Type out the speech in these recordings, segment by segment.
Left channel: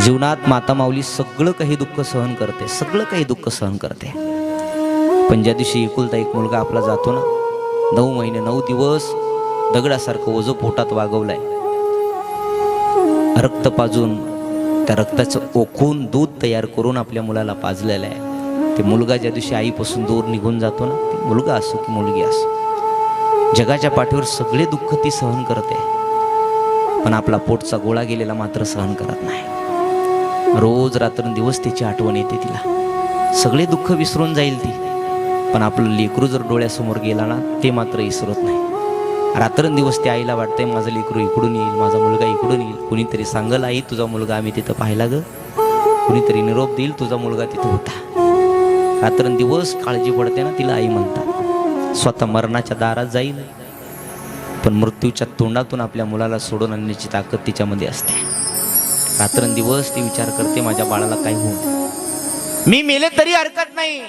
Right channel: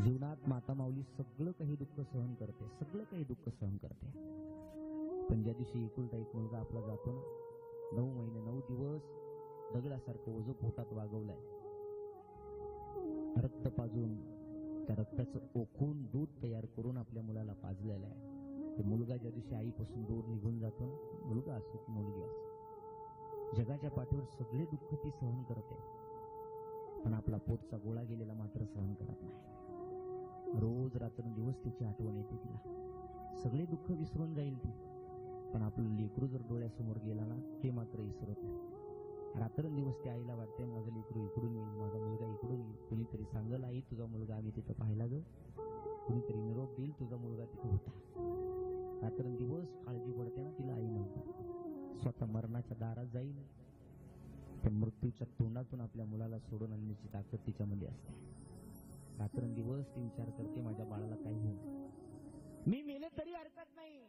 जीवनात माता माऊली सगळं काही दुःख सहन करते, सगळं काही दुःख सहन करते. पण ज्या दिवशी एकुलता एक मुलगा आपला जातो ना, 9 महिने 9 दिवस दगडासारखं ओझं पोटात वागवलंय, रक्त पाजून त्या रक्ताचं ओकून दूध तयार करून आपल्या मुलाला पाजलेलं आहे. ते मुलगा ज्या दिवशी आईपासून दूर निघून जातो ना, ते मुलगा असो की मुलगी असो, जगाच्या पाठीवर सगळे दुःख ती सहन करते, पण आपला पोटचा गोळा गेलेला मात्र सहन करत नाही. रोज रात्रंदिवस त्याची आठवण येते तिला. सगळे दुःख विसरून जाईल ती, पण आपलं लेकरू जर डोळ्यासमोर गेला ना, ते मात्र विसरत नाही. रात्रंदिवस त्या आईला वाटतंय माझं लेकरू इकडून येईल, माझा मुलगा इकडून येईल, कुणीतरी सांगल आई तुझा मुलगा आम्ही तिथं पाहिला ग, कुणीतरी निरोप देईल तुझा मुलगा तिथं होता. रात्रंदिवस काळजी पडते ना तिला आई म्हणतात. स्वतः मरणाच्या दारात जाईल, पण मृत्यूच्या तोंडातून आपल्या मुलाला सोडून आणण्याची ताकद तिच्यामध्ये असते. रात्रंदिवस ती विचार करते माझ्या बाळाला काय होऊ, मी मेले तरी हरकत नाही,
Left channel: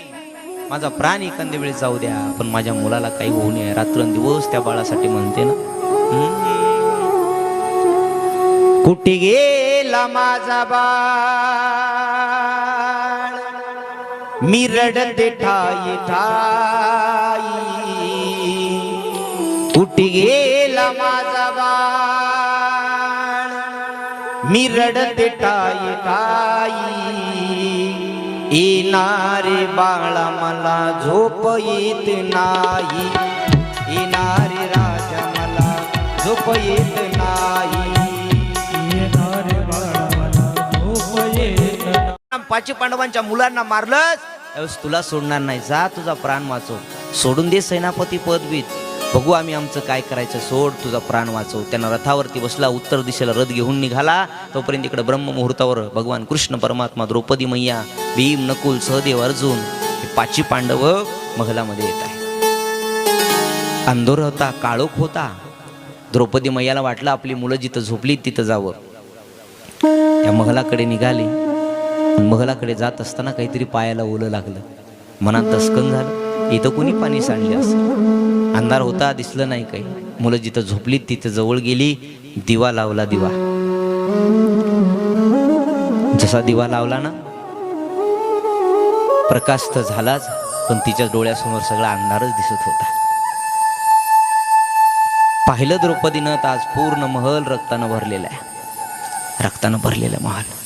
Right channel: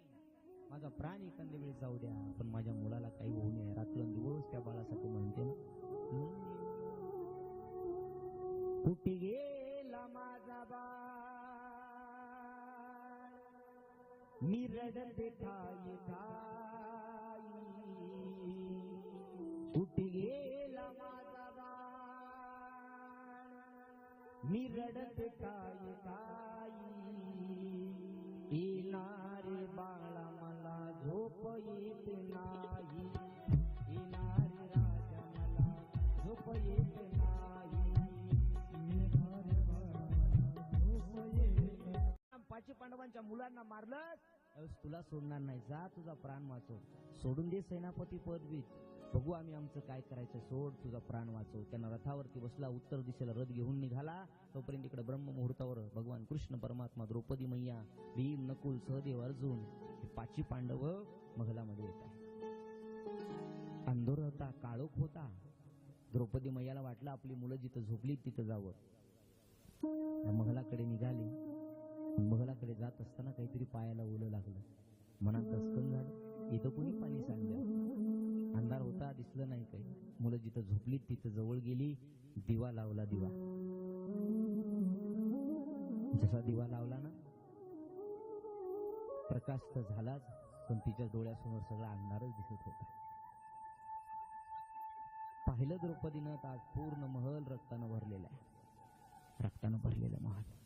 माझा प्राण एखाद्या वेळेस जाऊ द्या, पण माझ्या मुलाला काही होऊ नये. रात्रंदिवस त्या बाळासाठी म्हणते ना. कुठे गेला माझा बाळ, मी रडते ठाई ठाई, कुठे गेला माझा बाळ, मी रडते ठाई ठाई, येणारे बाळा मला झोप येत नाही, येणारे राजा मला झोप येत नाही, येणारे बाळा मला झोप येत नाही. 5 पांडवांच्या मुलांना मारलंस त्यावेळेस तुला सोडणार नाही, जा तुझा प्राण वाचव, सोडून दे सेनापती पदवीत, बघू आम्ही आमचं काय करायचं, सोड तुझा प्राण वाचव. त्यांना रथावरती बसला, उत्तर दिशेला रथ घेऊन निघाला. तोपर्यंत इकडे ब्रह्म मुहूर्तावर भगवान कृष्ण परमात्मा, द्रौपदी मैया, भीम, नकुल, सहदेव, अर्जुन हे 5 पांडव महलामध्ये येत आहे. अंधोर होता, काळोख होता. द्रौपदी मैयाला वाटलं आपली मुलं जिथं झोपली तिथं जावं. त्या महलाकडे निघाली. महलाकडे जात असताना काहीतरी पायाला ओलं लागलं. मनात दसकन झालं, इथं कोणी पाणी सांडले असेल. अंधार होता, दिसलं नाही काही. मुलं जिथं झोपली तिथं जवळ गेली, दिवा लावला. दिवा जसा दिवा लावला ना, प्रकाश तर झालाच, पण तिच्या डोळ्यासमोर सगळा अंधारच दिसत होता. पाहिलं द्रौपदीनं तर आज पूर्ण महल रक्तानं भरलेला आहे, रक्तानं भरलेला महल.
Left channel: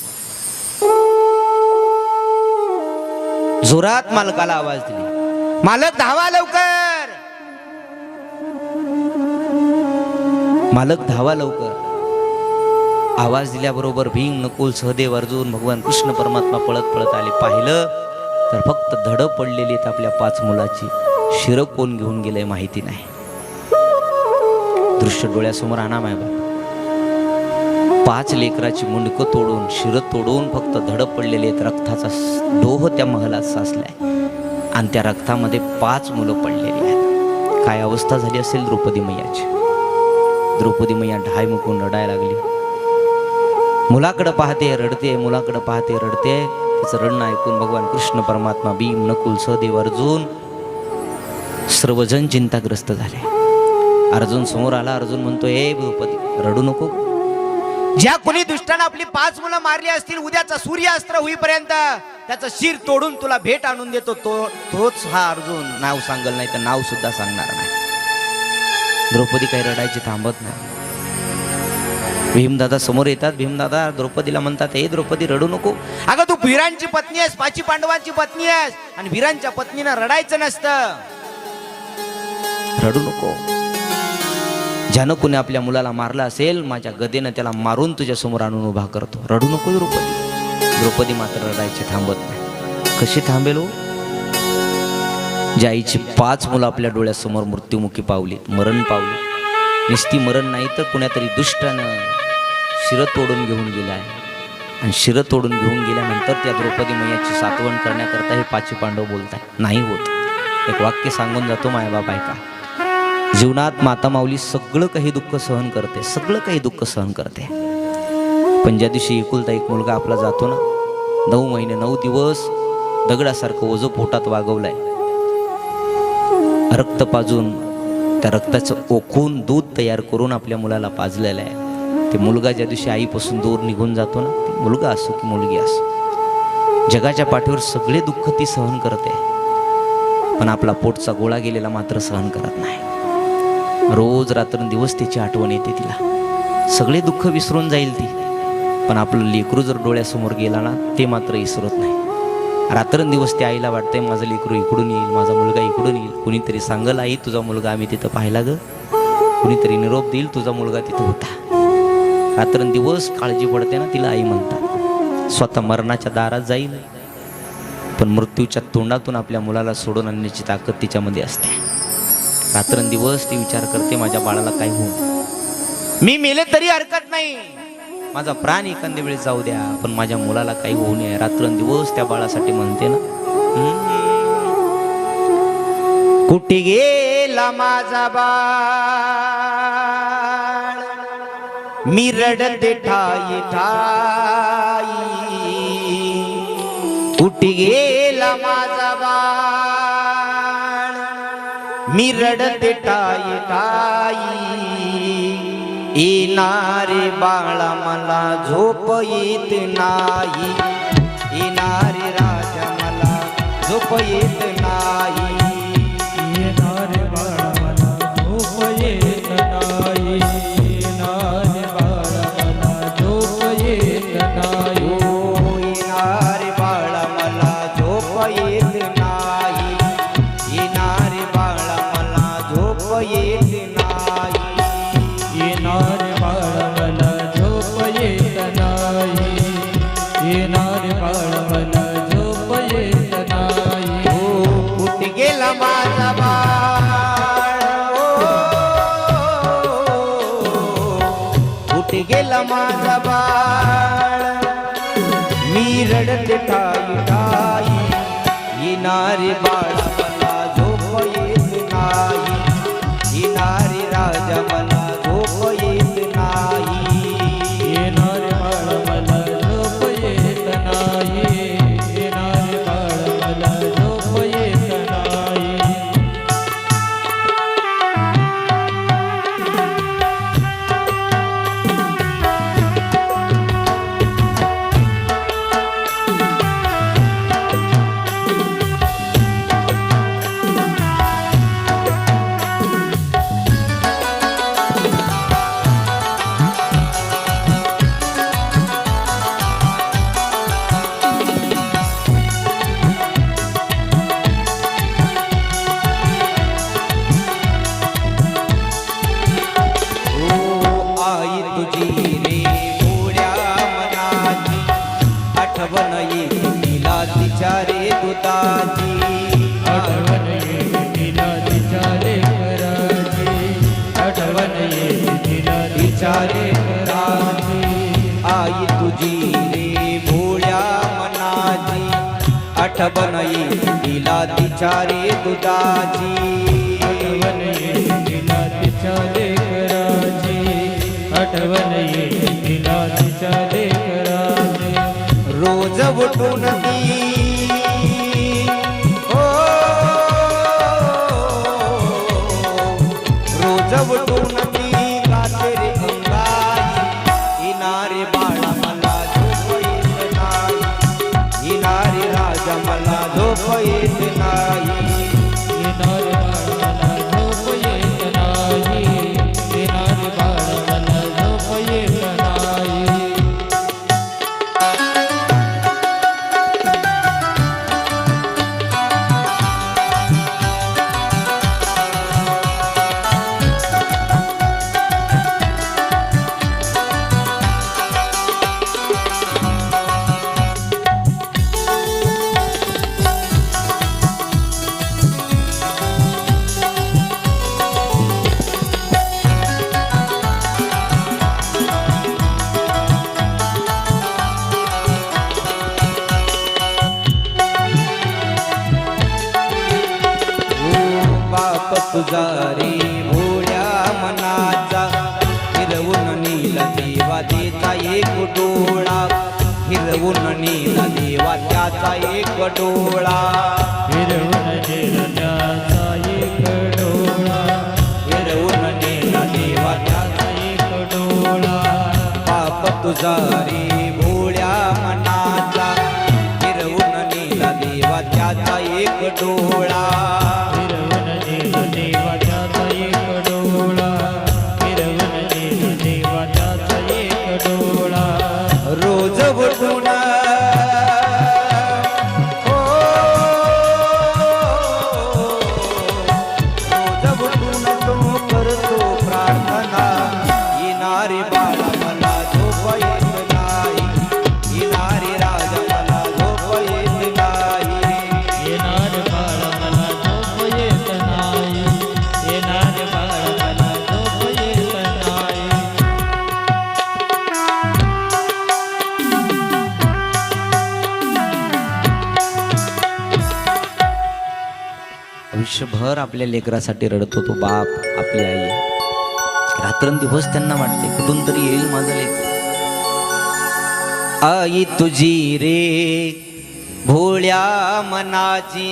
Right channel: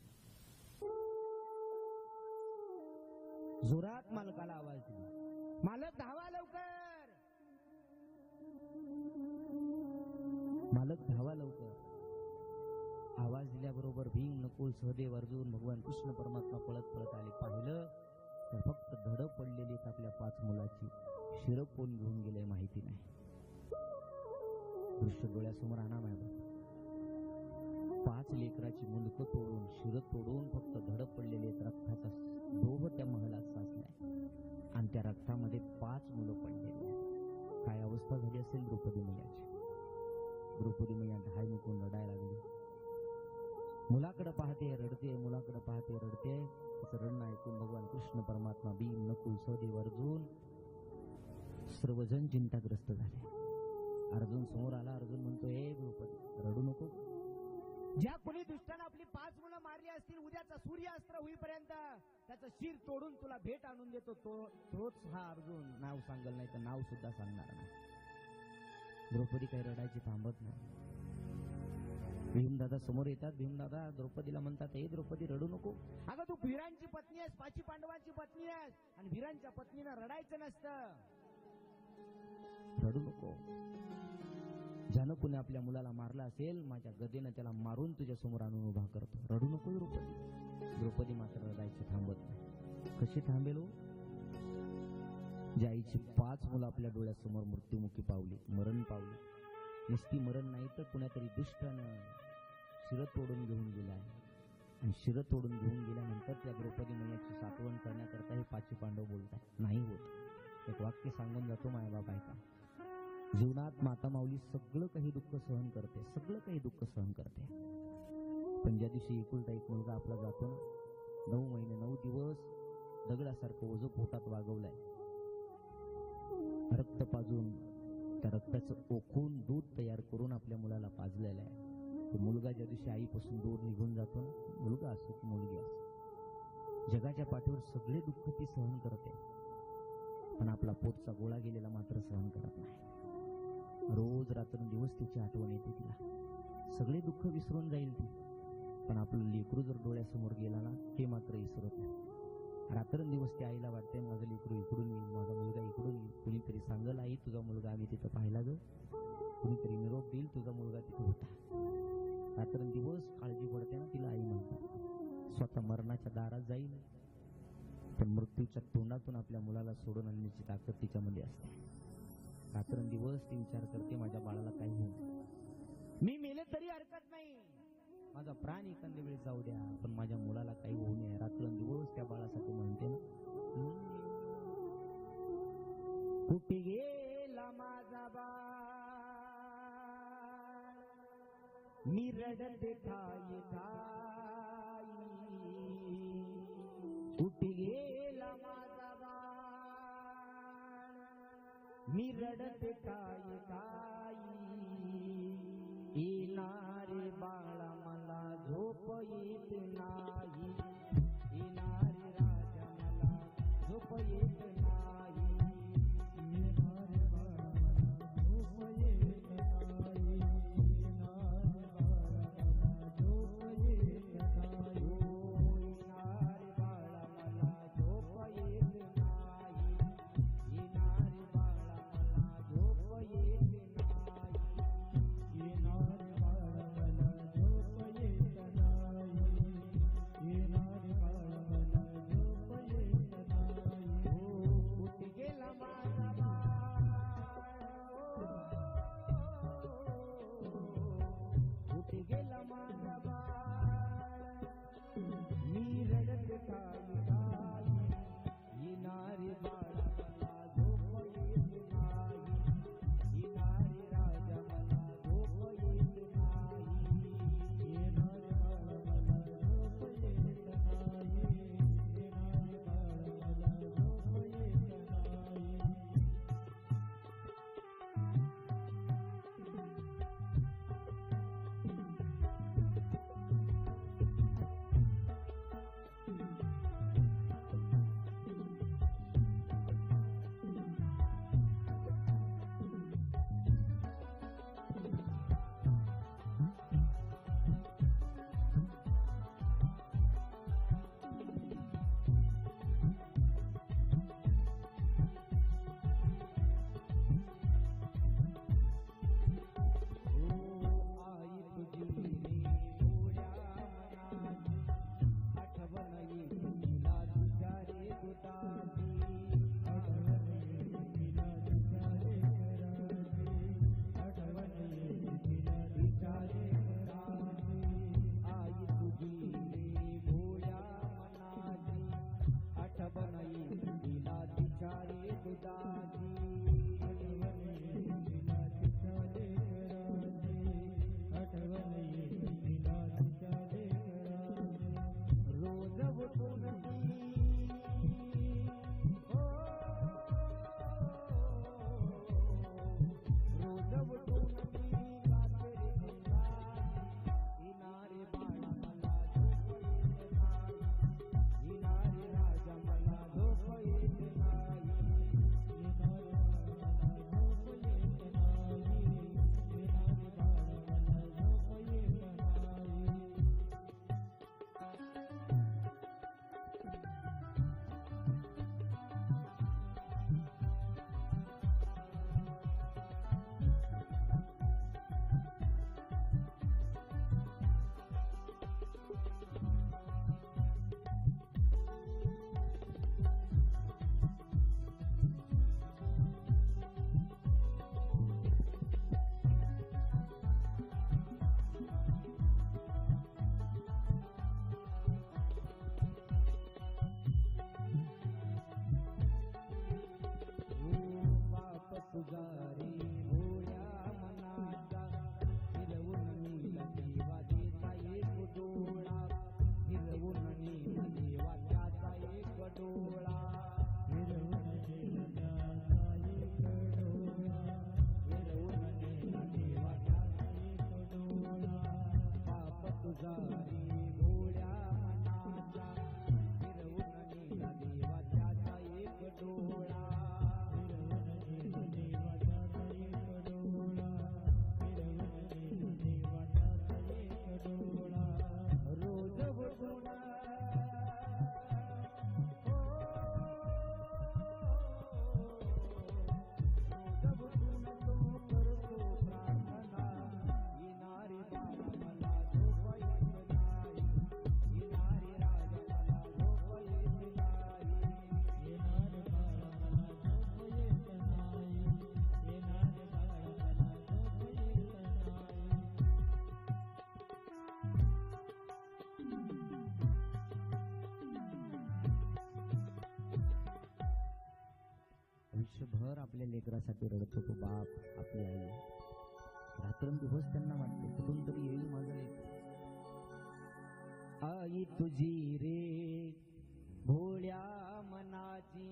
जोरात मालकाला आवाज दिली, मालक धावा लवकर, मालक धावा लवकर. आवाज दिल्याबरोबर भीम, नकुल, सहदेव, अर्जुन, भगवान कृष्ण परमात्मा पळत पळत आले. पाहिलं तर फक्त धडं पडलेली आहेत आपल्या 5 मुलाची. शिर कोण घेऊन गेलंय माहिती नाही. दृश्य डोळ्यासमोर आणा माय बाप. 5 लेकराची मुंडकं तोडून, शिर तोडून फक्त धडं पडलेली आहेत. रक्ताचा डोह त्या महलात साचलाय आणि त्या रक्तामध्ये 5 मुलं पडलेली आहेत. काय अवस्था झाली असेल द्रौपदी मैयाची. द्रौपदी मैया ढाय मुकून रडायला लागली. मुलाकडे पाहते रडते, मुलाकडे पाहते रडते. तिचं रडणं ऐकून भगवान कृष्ण परमात्मा, भीम, नकुल, सहदेव, अर्जुन सर्वजण चिंताग्रस्त झाले. अर्जुन समोर आला. अर्जुन म्हणतो, हे द्रौपदी रडू नको. ज्या कोणी दुष्टानं आपली 5 मुलं मारली असतील, उद्याचा सूर्यास्त्र होईपर्यंत त्याचं शिर तोडून तुला भेट आणून देतो, तोच हा अर्जुन. नाव सांगल नाही तर नाव सुद्धा सांगणार नाही. द्रौपदी काही रडायची थांबत नाही. भीमदादा समोर येतात. भीमदादा द्रौपदीला म्हणतात, हे द्रौपदी रडू नको. अगं तू वीरांची पत्नी आहेस, 5 पांडवांची पत्नी आहेस, आणि वीरांच्या पत्नीनं रडायचं नसतं. रडू नको. ज्यानं कोणी आपल्या मुलाला मारला असेल, माझ्या गदेनं त्याला मारून तुझ्या समोर आणून उभा करतो. रडू नको द्रौपदी. द्रौपदी मात्र रडायची थांबत नाही. कशी थांबेल हो? ज्या आईची 5 मुलं आपल्या डोळ्यासमोर मृत्युमुखी पावलीत, मरण पावली. निस्ती मरण नाही तर कुणातरी दुष्टानं शिर तोडून घेऊन गेलाय. आणि शिर तोडून घेऊन गेल्यानंतर त्या द्रौपदी मैयाची सातवण करण्याकरता हे 5 पांडव बोलताय. नाही होत. एक वाक्य सांगून जातो मायबाप ऐका. जीवनात माता माऊली सगळं काही दुःख सहन करते, सगळं काही दुःख सहन करते, पण ज्या दिवशी एकुलता एक मुलगा आपला जातो ना, 9 महिने 9 दिवस दगडासारखं ओझं पोटात वागवलंय, रक्त पाजून त्या रक्ताचं ओकून दूध तयार करून आपल्या मुलाला पाजलेलं आहे. ते मुलगा ज्या दिवशी आईपासून दूर निघून जातो ना, ते मुलगा असो की मुलगी असो, जगाच्या पाठीवर सगळे दुःख ती सहन करते, पण आपला पोटचा गोळा गेलेला मात्र सहन करत नाही. रोज रात्रंदिवस त्याची आठवण येते तिला. सगळे दुःख विसरून जाईल ती, पण आपलं लेकरू जर डोळ्यासमोर गेला ना, ते मात्र विसरत नाही. रात्रंदिवस त्या आईला वाटतंय माझं लेकरू इकडून येईल, माझा मुलगा इकडून येईल. कुणीतरी सांगल आई तुझा मुलगा आम्ही तिथं पाहिला ग, कुणीतरी निरोप देईल तुझा मुलगा तिथं होता. रात्रंदिवस काळजी पडते ना तिला आई म्हणतात. स्वतः मरणाच्या दारात जाईल, पण मृत्यूच्या तोंडातून आपल्या मुलाला सोडून आणण्याची ताकद तिच्यामध्ये असते. रात्रंदिवस ती विचार करते माझ्या बाळाला काय होऊ, मी मेले तरी हरकत नाही, माझा प्राण एखाद्या वेळेस जाऊ द्या, पण माझ्या मुलाला काही होऊ नये. रात्रंदिवस त्या बाळासाठी म्हणते ना. कुठे गेला माझा बाळ, मी रडते ठाई ठाई. कुठे गेला माझा बाळ, मी रडते ठाई ठाई. येणारे बाळा मला झोप येत नाही, येणारे राजा मला झोप येत नाही. येणारे बाळा मला झोप येत नाही, येणारे बाळा मला झोप येत नाही. येणारे बाळा मला झोप येत नाही, येणारे बाळा मला झोप येत नाही. येणारे बाळा मला झोप येत नाही, येणारे बाळा मला झोप येत नाही. कुठे गेला माझा बाळ, कुठे गेला माझा बाळ, मी रडते ठाई ठाई. येणारे बाळा मला झोप येत नाही, येणारे राजा मला झोप येत नाही. येणारे बाळा मला झोप येत नाही, येणारे बाळा मला झोप येत नाही. आई तुझी रे भोळ्या मनाची, आठवण येते तिला तिच्या रे दुधाची. आठवण येते तिला तिच्या लेकराची, आठवण येते तिला तिच्या लेकराची. आई तुझी रे भोळ्या मनाची, आठवण येते तिला तिच्या रे दुधाची. आठवण येते तिला तिच्या लेकराची, आठवण येते तिला तिच्या लेकराची. रोज उठून ती ओ, रोज उठून ती गाते रे अंगाई. येणारे बाळा मला झोप येत नाही, येणारे राजा मला झोप येत नाही. येणारे बाळा मला झोप येत नाही, येणारे बाळा मला झोप येत नाही. तुझा रे भोळ्या मनाचा, हिरवून नीला देवा देचा एक डोळा, हिरवून नीला देवा त्याचा एक डोळा. हिरवून नेला त्याचा एक डोळा, हिरवून नीला देवा त्याचा एक डोळा, तुझा रे भोळ्या मनाचा फिरवून नेला देवा त्याचा एक डोळा फिरवून नेला देवा त्याचा एक डोळा फिरवून नेला देवा त्याचा एक डोळा रोज उठून रोज उठून तो करतो प्रार्थना येणारे बाळा मला झोप येत नाही येणारे राजा मला झोप येत नाही येणार बाळ मला झोप येत नाही येणार बाळ मला झोप येत नाही आयुष्यभर आपल्या लेकरासाठी रडतो तो बाप आपली आई रात्रंदिवस त्यांना वाटते कुठून तरी येईल माझं लेक आई तुझी रे भोळ्या मनाची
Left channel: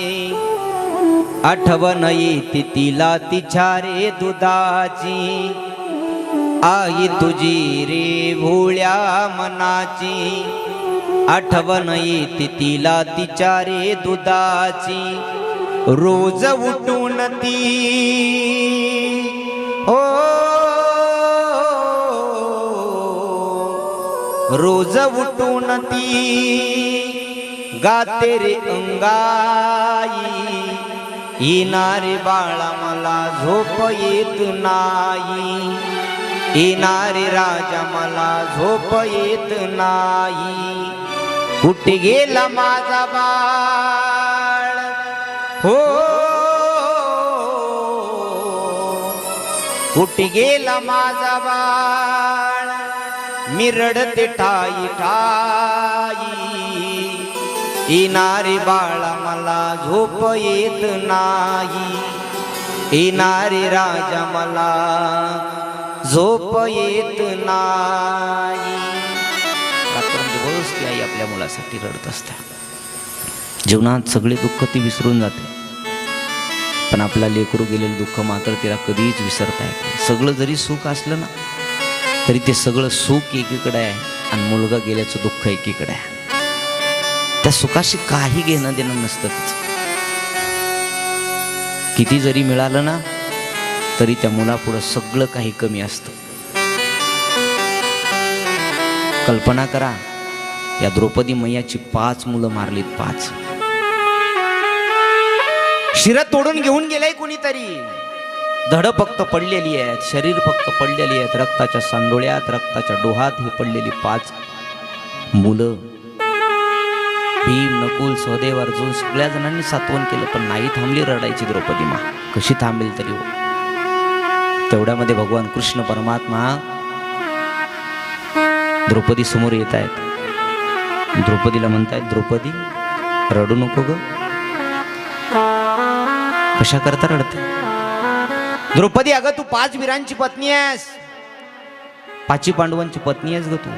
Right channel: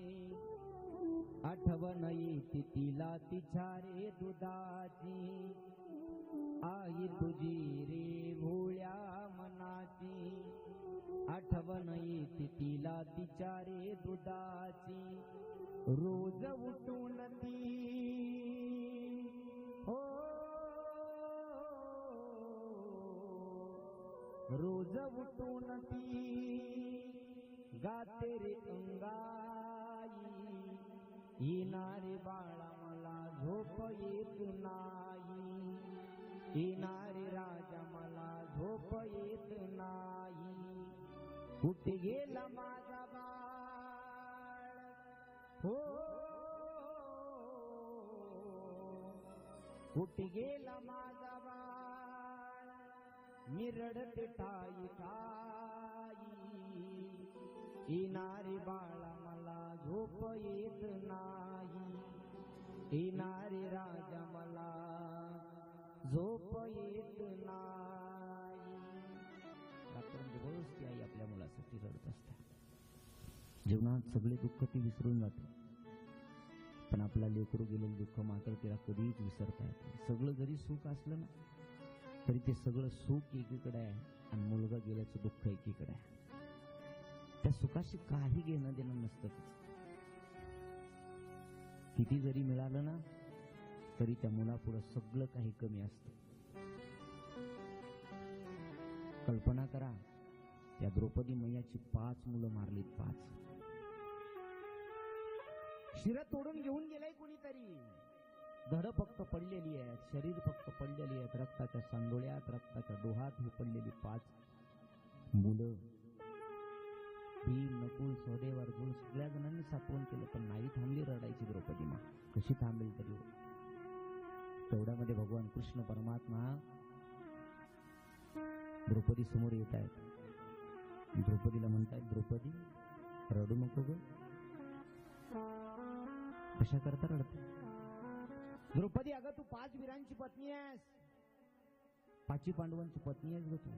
आठवण येते तिला तिच्या रे दुधाची आई तुझी रे भोळ्या मनाची आठवण येते तिला तिच्या रे दुधाची रोज उठून ती हो रोज उठून ती गाते रे अंगाई येणारे बाळा मला झोप येत नाही येणारे राजा मला झोप येत नाही कुठे गेला माझा बाळ हो कुठे गेला माझा बाळ मी रडते ठाई ठाई येणारे बाळा मला झोप येत नाही येणारे राजा मला झोप येत नाही रात्रंदिवस ती आई आपल्या मुलासाठी रडत असते जीवनात सगळे दुःख ती विसरून जाते पण आपला लेकरू गेलेलं दुःख मात्र तिला कधीच विसरता येत नाही सगळं जरी सुख असलं ना तरी ते सगळं सुख एकीकडे आहे आणि मुलगा गेल्याचं दुःख एकीकडे आहे त्या सुखाशी काही घेणं देणं नसतं तिचं किती जरी मिळालं ना तरी त्या मुलापुढं सगळं काही कमी असतं कल्पना करा या द्रौपदी मैयाची 5 मुलं मारलीत 5 शिर तोडून घेऊन गेलाय कोणीतरी धड फक्त पडलेली आहेत शरीर फक्त पडलेली आहेत रक्ताच्या सांडोळ्यात रक्ताच्या डोहात ही पडलेली 5 मुलं भीम नकुल सहदेव अर्जुन सगळ्या जणांनी सात्वन केलं पण नाही थांबली रडायची द्रौपदी मा कशी थांबेल तरी हो तेवढ्यामध्ये भगवान कृष्ण परमात्मा द्रौपदी समोर येत आहेत द्रौपदीला म्हणतायत द्रौपदी रडू नको ग कशा करता रडते द्रौपदी अगं तू 5 वीरांची पत्नी आहेस 5 पांडवांची पत्नी आहेस ग तू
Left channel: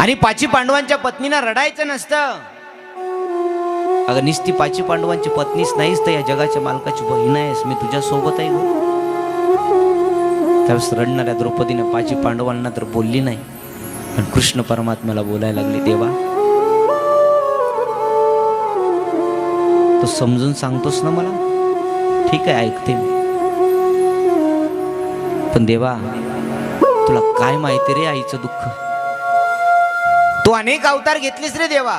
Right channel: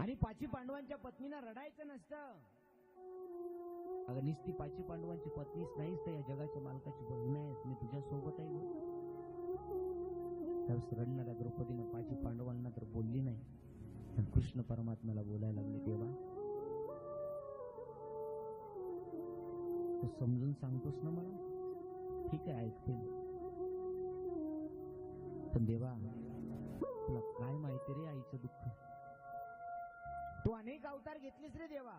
आणि 5 पांडवांच्या पत्नीला रडायचं नसतं अगं निस्ती 5 पांडवांची पत्नीच नाहीस तर या जगाच्या मालकाची बहीण आहेस मी तुझ्या सोबत आहे ग त्यावेळेस रडणाऱ्या द्रौपदीने 5 पांडवांना तर बोलली नाही पण कृष्ण परमात्म्याला बोलायला लागली देवा तू समजून सांगतोस ना मला ठीक आहे ऐकते मी पण देवा तुला काय माहिती रे आईचं दुःख तू अनेक अवतार घेतलीस रे देवा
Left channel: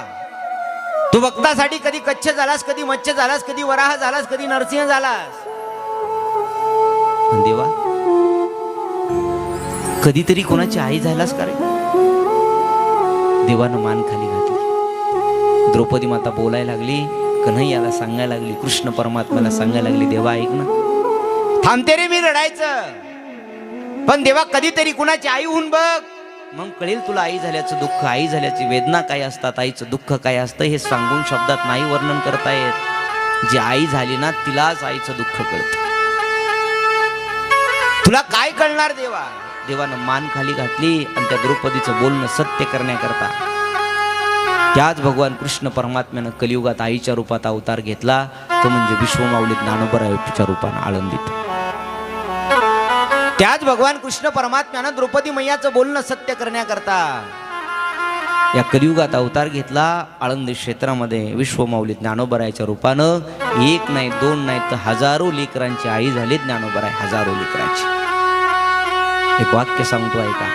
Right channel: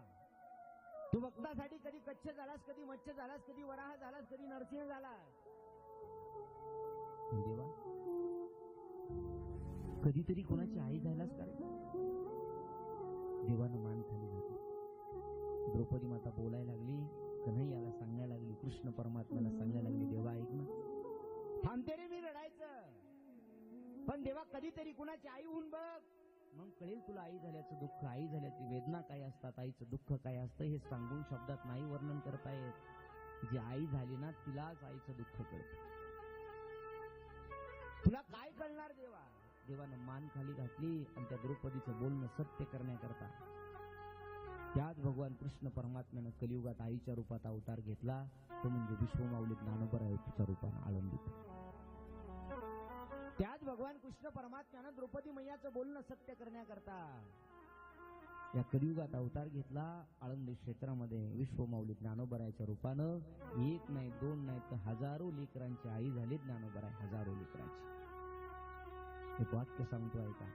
तू भक्तासाठी कधी कच्छ झालास कधी मच्छ्य झालास कधी वराह झालास कधी नरसिंह झालास पण देवा कधीतरी कोणाची आई झालास का रे देवानं मान खाली घातली द्रौपदी माता बोलायला लागली कन्हैयाला सांगायला लागली कृष्ण परमात्म्याला सांगायला लागली देवा ऐक ना थांबते रे मी रडायचं पण देवा कधीतरी कुणाची आई होऊन बघ मग कळेल तुला आई झाल्याचं दुःख आई झाल्याची वेदना काय असतात आईचं दुःख काय असतं हे सांगून शब्दात नाही वर्णन करता येत जी आई झाली ना तिलाच आईचं दुःख कळतं तुला काय कळणार देवा देवानं मान खाली घातली आणि त्या द्रौपदीचं बोलणं सत्य करण्याकरता त्याच भगवान कृष्ण परमात्म्यानं कलियुगात आईच्या रूपात अवतार घेतला तो म्हणजे विश्वमाऊली ज्ञानोबराच्या रूपानं आळंदीत त्याच भगवान कृष्ण परमात्म्यानं द्रौपदी मैयाचं बोलणं सत्य करण्याकरता या कलियुगात अवतार घेतला. आळंदी क्षेत्रामध्ये विश्वमाऊली ज्ञानोबरायाच्या रूपानं एक नाही दोन नाही तर हजारो लेकरांची आई झाली ज्ञानोबराय. हजारो लेकरांची. एक वाक्य सांगतो ऐका.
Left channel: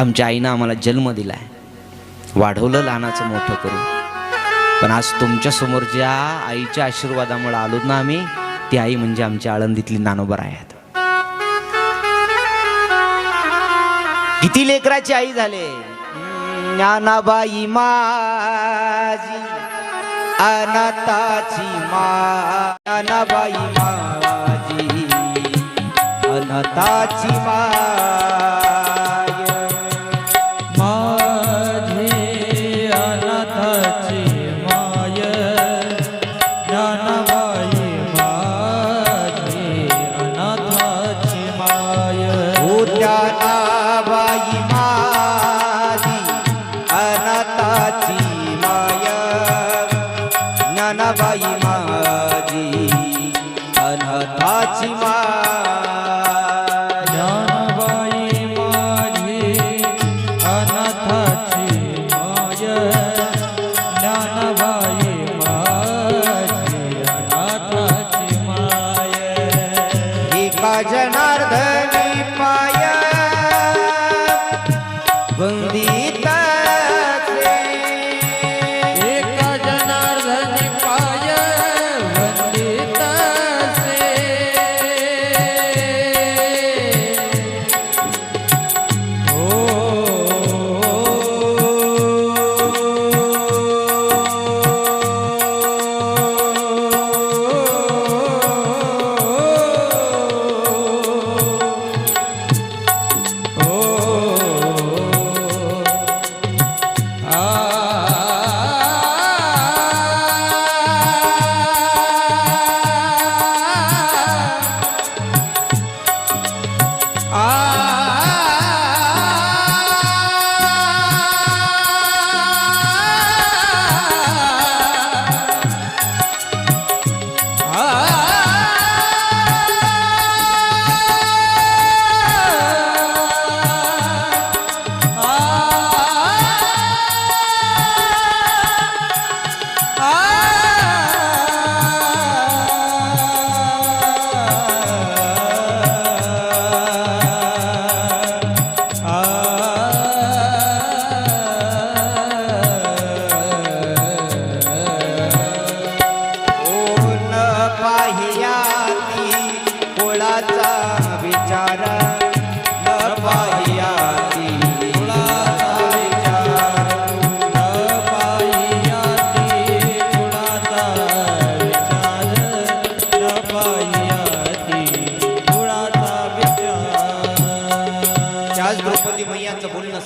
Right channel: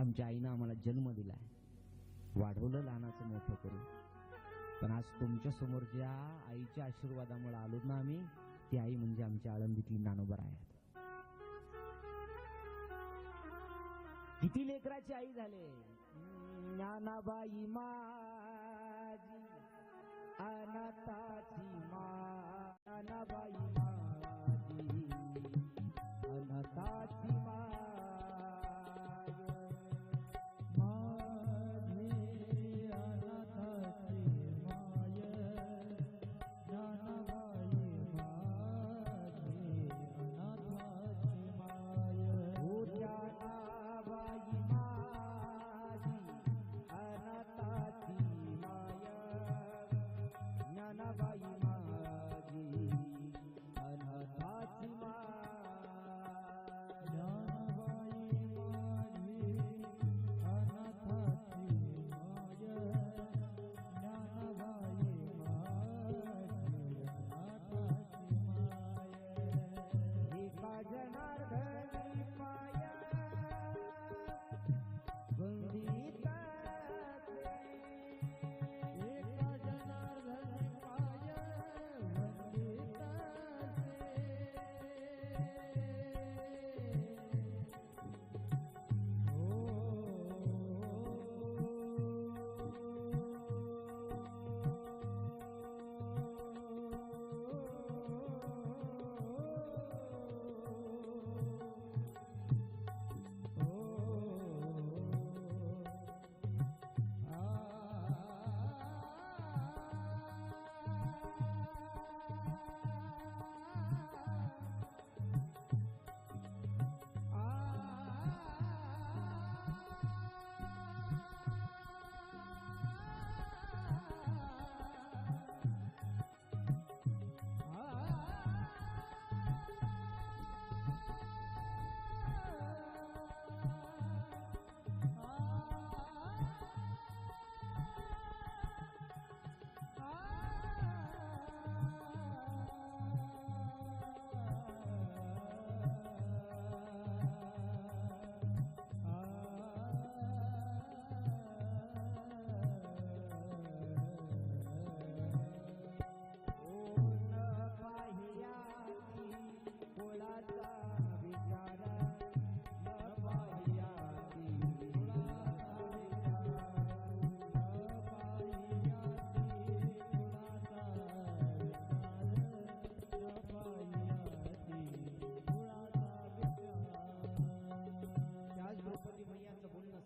आमच्या आईनं आम्हाला जन्म दिलाय, वाढवलं लहानाचं मोठं करून, पण आज तुमच्या समोरच्या आईच्या आशीर्वादामुळे आलोत ना आम्ही. ती आई म्हणजे आमच्या आळंदीतली ज्ञानोबराय आहेत. किती लेकराची आई झाले. ज्ञानाबाई माझी अनाथाची माय. ज्ञानाबाई माझी अनाथाची माय. माझी अनाथाची माय ज्ञानाबाई माझी अनाथाची माय. ओ ज्ञानाबाई माझी अनाथाची माय. ज्ञानाबाई माझी अनाथाची माय. ज्ञानाबाई माझी अनाथाची माय ज्ञानाबाई माझी अनाथाची माय. एका जनार्दनी पाय वंदिताचे. एका जनार्दनी पाय वंदितासे.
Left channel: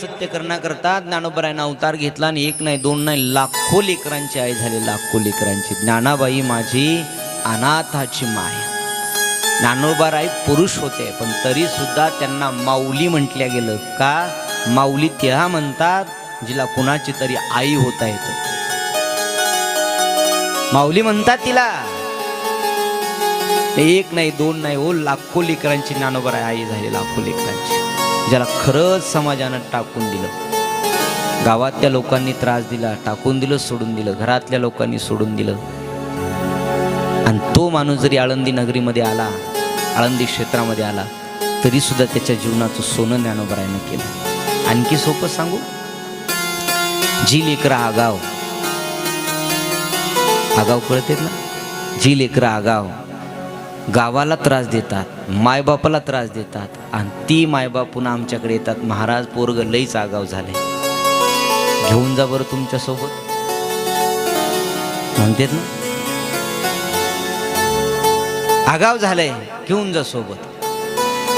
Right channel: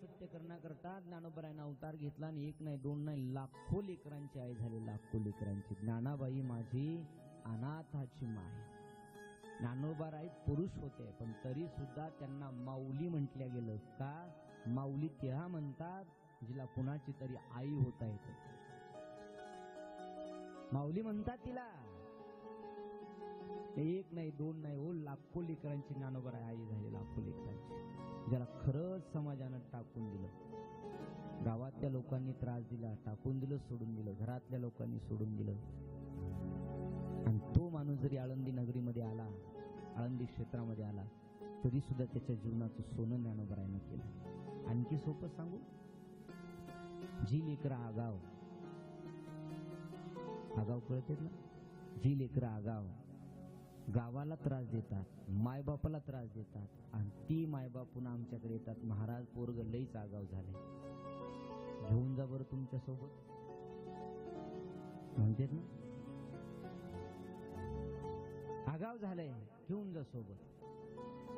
सत्य करण्याकरता ज्ञानोबरायानं अवतार घेतला आणि एक नाही दोन नाही लाखो लेकरांची आई झाली. लाखो लेकरांची. ज्ञानाबाई माझी अनाथाची माय. ज्ञानोबराय पुरुष होते पण तरी सुद्धा त्यांना माऊली म्हटल्या गेलं. का? माऊली त्या म्हणतात जिला कुणाची तरी आई होता येते. माऊली म्हणतात तिला. एक नाही दोन नाही ओ लाखो लेकरांची ज्ञानोबराय आई झाली. लाखो लेकरांची. ज्याला खरंच समाजानं टाकून दिलं. गावातल्या लोकांनी त्रास दिला, टाकून दिलं, सोडून दिलं. घरातल्या लोकांनी सोडून दिलं. आणि तो माणूस जरी आळंदी नगरीमध्ये आला, आळंदी क्षेत्रामध्ये आला, तरी सुद्धा त्याच्या जीवनाचं सोनं ज्ञानोबरायानं केलं. आणखी सोपं सांगू. जी लेकरं आगाव कळतेत ना. जी लेकरं आगाव गावाला त्रास देतात, मायबापाला त्रास देतात, आणि ती मायबाप पुन्हा आमच्याकडे येतात. महाराज पोरग लईच आगाव झाले, घेऊन जा बरं तुमच्या सोबत म्हणतात ना. आगाव झालंय घेऊन जा सोबत.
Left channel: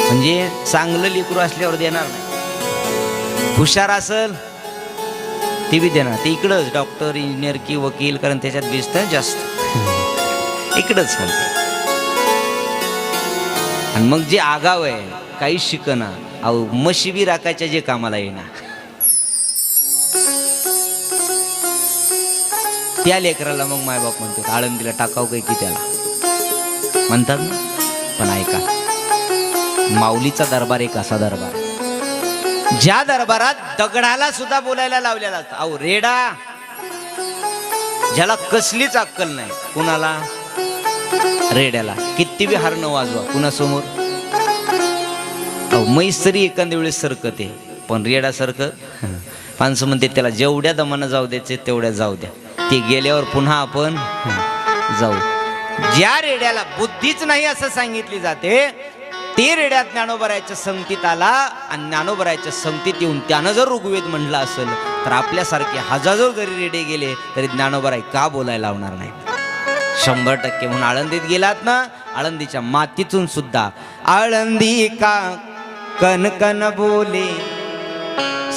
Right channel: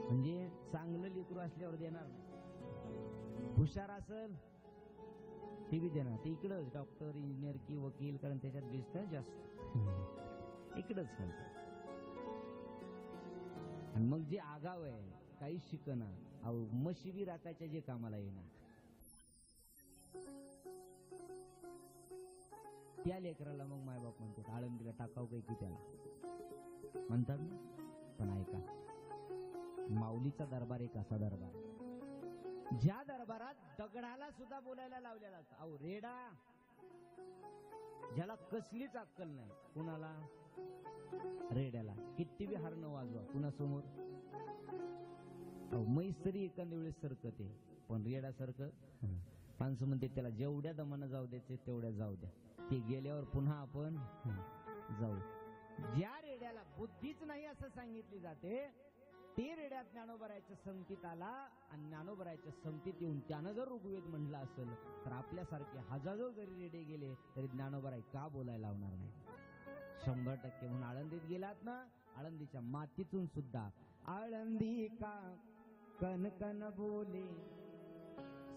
म्हणजे चांगलं लेकरू असल्यावर देणार नाही. हुशार असल ती बी देणार. ते इकडंच डॉक्टर इंजिनियर की वकील, कारण त्याच्यात बेसतं जास्त. इकडंच म्हणते. आणि मग जे आगाव आहे काही शिकना, अहो म्हशी बी राखायच्या जे कामाला येणार, त्या लेकराला मग मायबाप म्हणतात आळंदीला टाकाव काही की त्याला म्हणतात ना. पण ऐका, माऊलीचा दरबार एक असा दरबार ज्या दरबारात दगडाला सुद्धा बोलायला लावलेला असतं. अहो रेडा ज्याला कसलीच अक्कल नाही, कुणाला? रेड्याला. किती बी हार न वाजवा कुणासमोर. अहो म्हैस तरी एखाद्या वेळेस सरकते, पण रेड्यासारखं माणसं म्हणते त्याला जेवढ्या दमानं जाऊ द्यायचे तेवढ्या जाऊ द्या, ते गेल्यावर पुन्हा आपण जाऊ. ज्या रेड्याला बुद्धीच नाही असं सांगितली जाते, ते रेड्यात ज्ञानोबरायच्या संगतीत आला आणि ज्ञानोबरायच्या संगतीत येऊन त्यानं जर ऋग्वेद म्हणलं असेल तर आपल्यासारखे हजारो जरी रेडे गेले तरी ज्ञानोबराय का बोलायला लावणार नाही? 100%. म्हणून आळंदीत गेलात ना, आळंदीच्या मातीतून सुद्धा आळंदी का कनकन बोले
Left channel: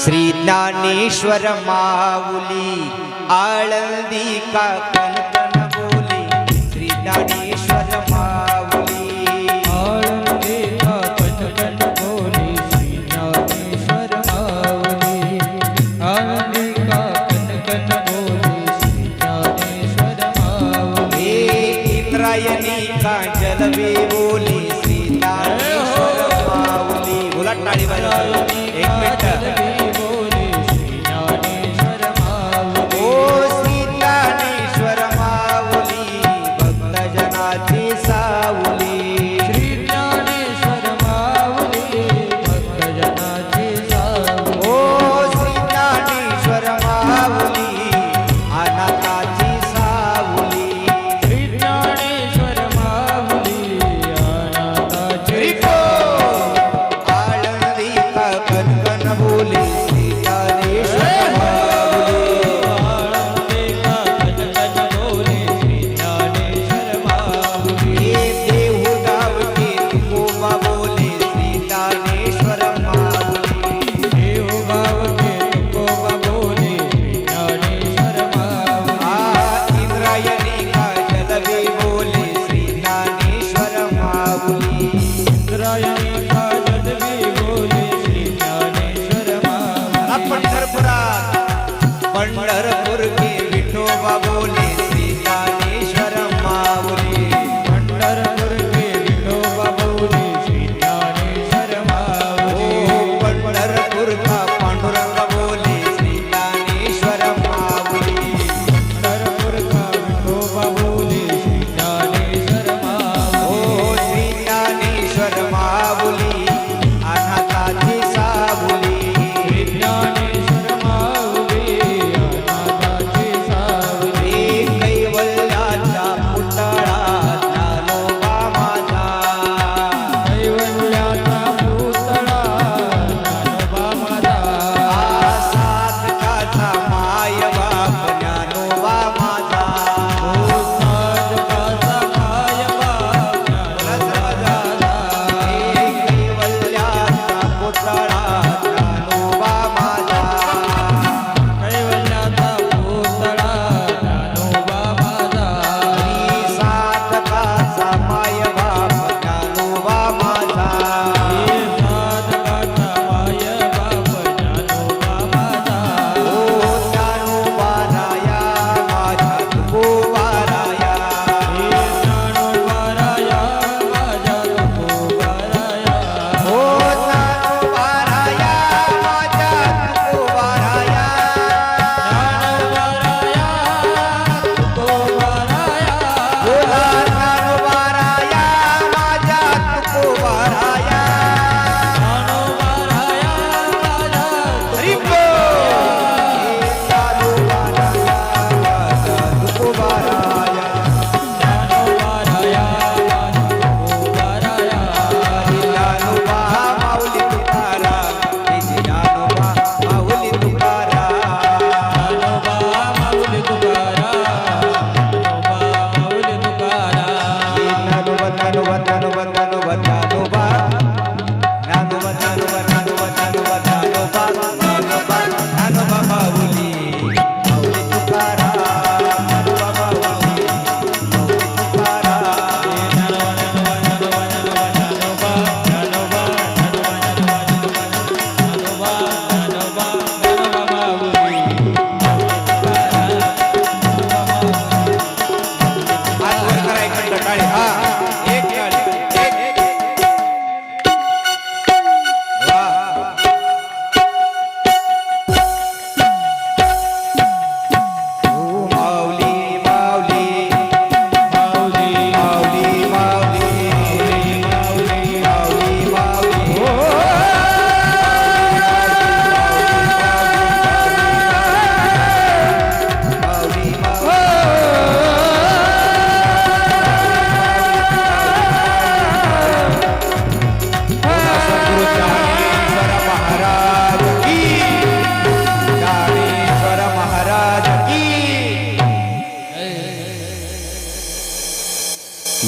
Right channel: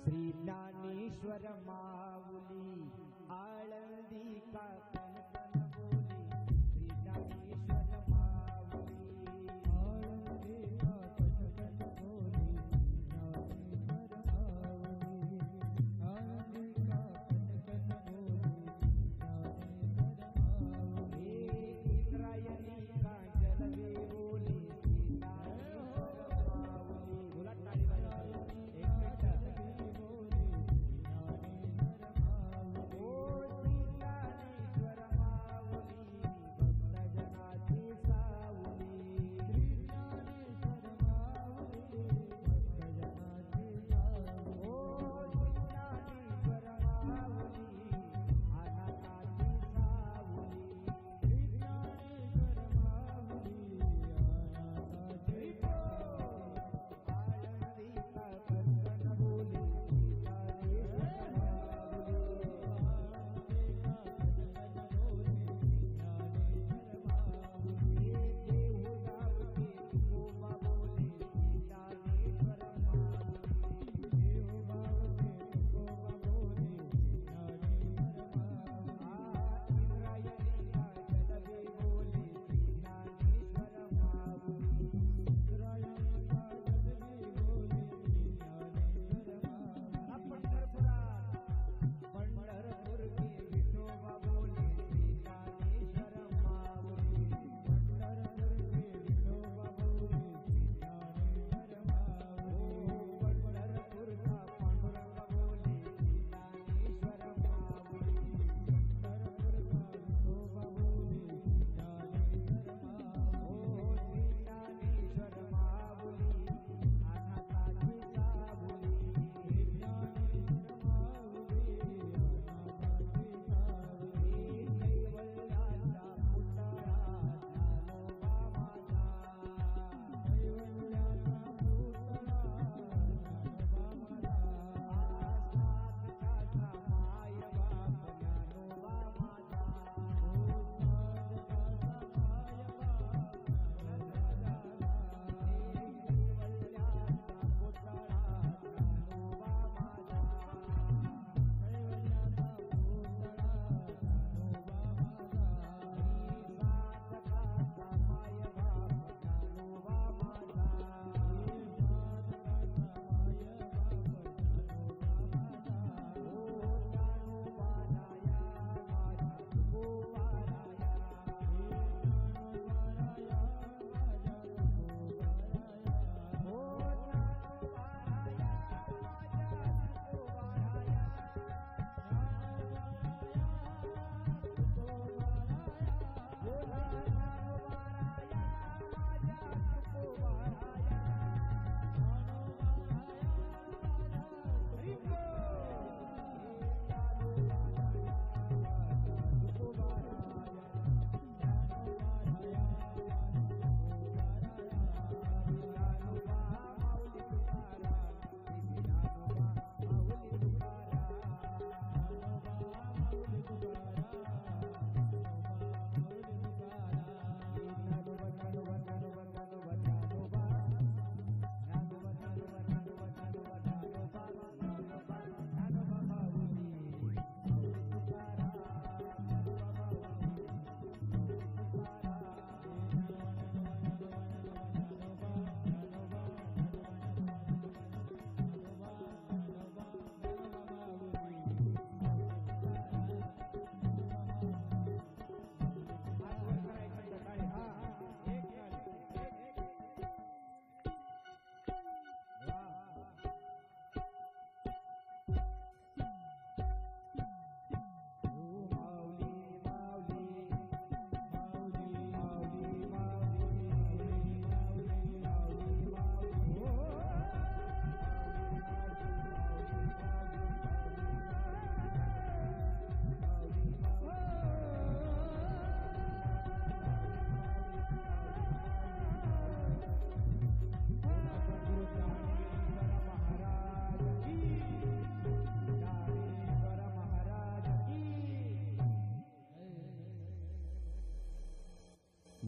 श्री ज्ञानेश्वर माऊली. आळंदी का कनकन बोले श्री ज्ञानेश्वर माऊली. आळंदी का कनकन बोले श्री ज्ञानेश्वर माऊली. आळंदी का कनकन बोले श्री ज्ञानेश्वर माऊली. इंद्रायणी का जलवे बोले श्री ज्ञानेश्वर माऊली. बोला टाळी वाजवा. एक मिनिट.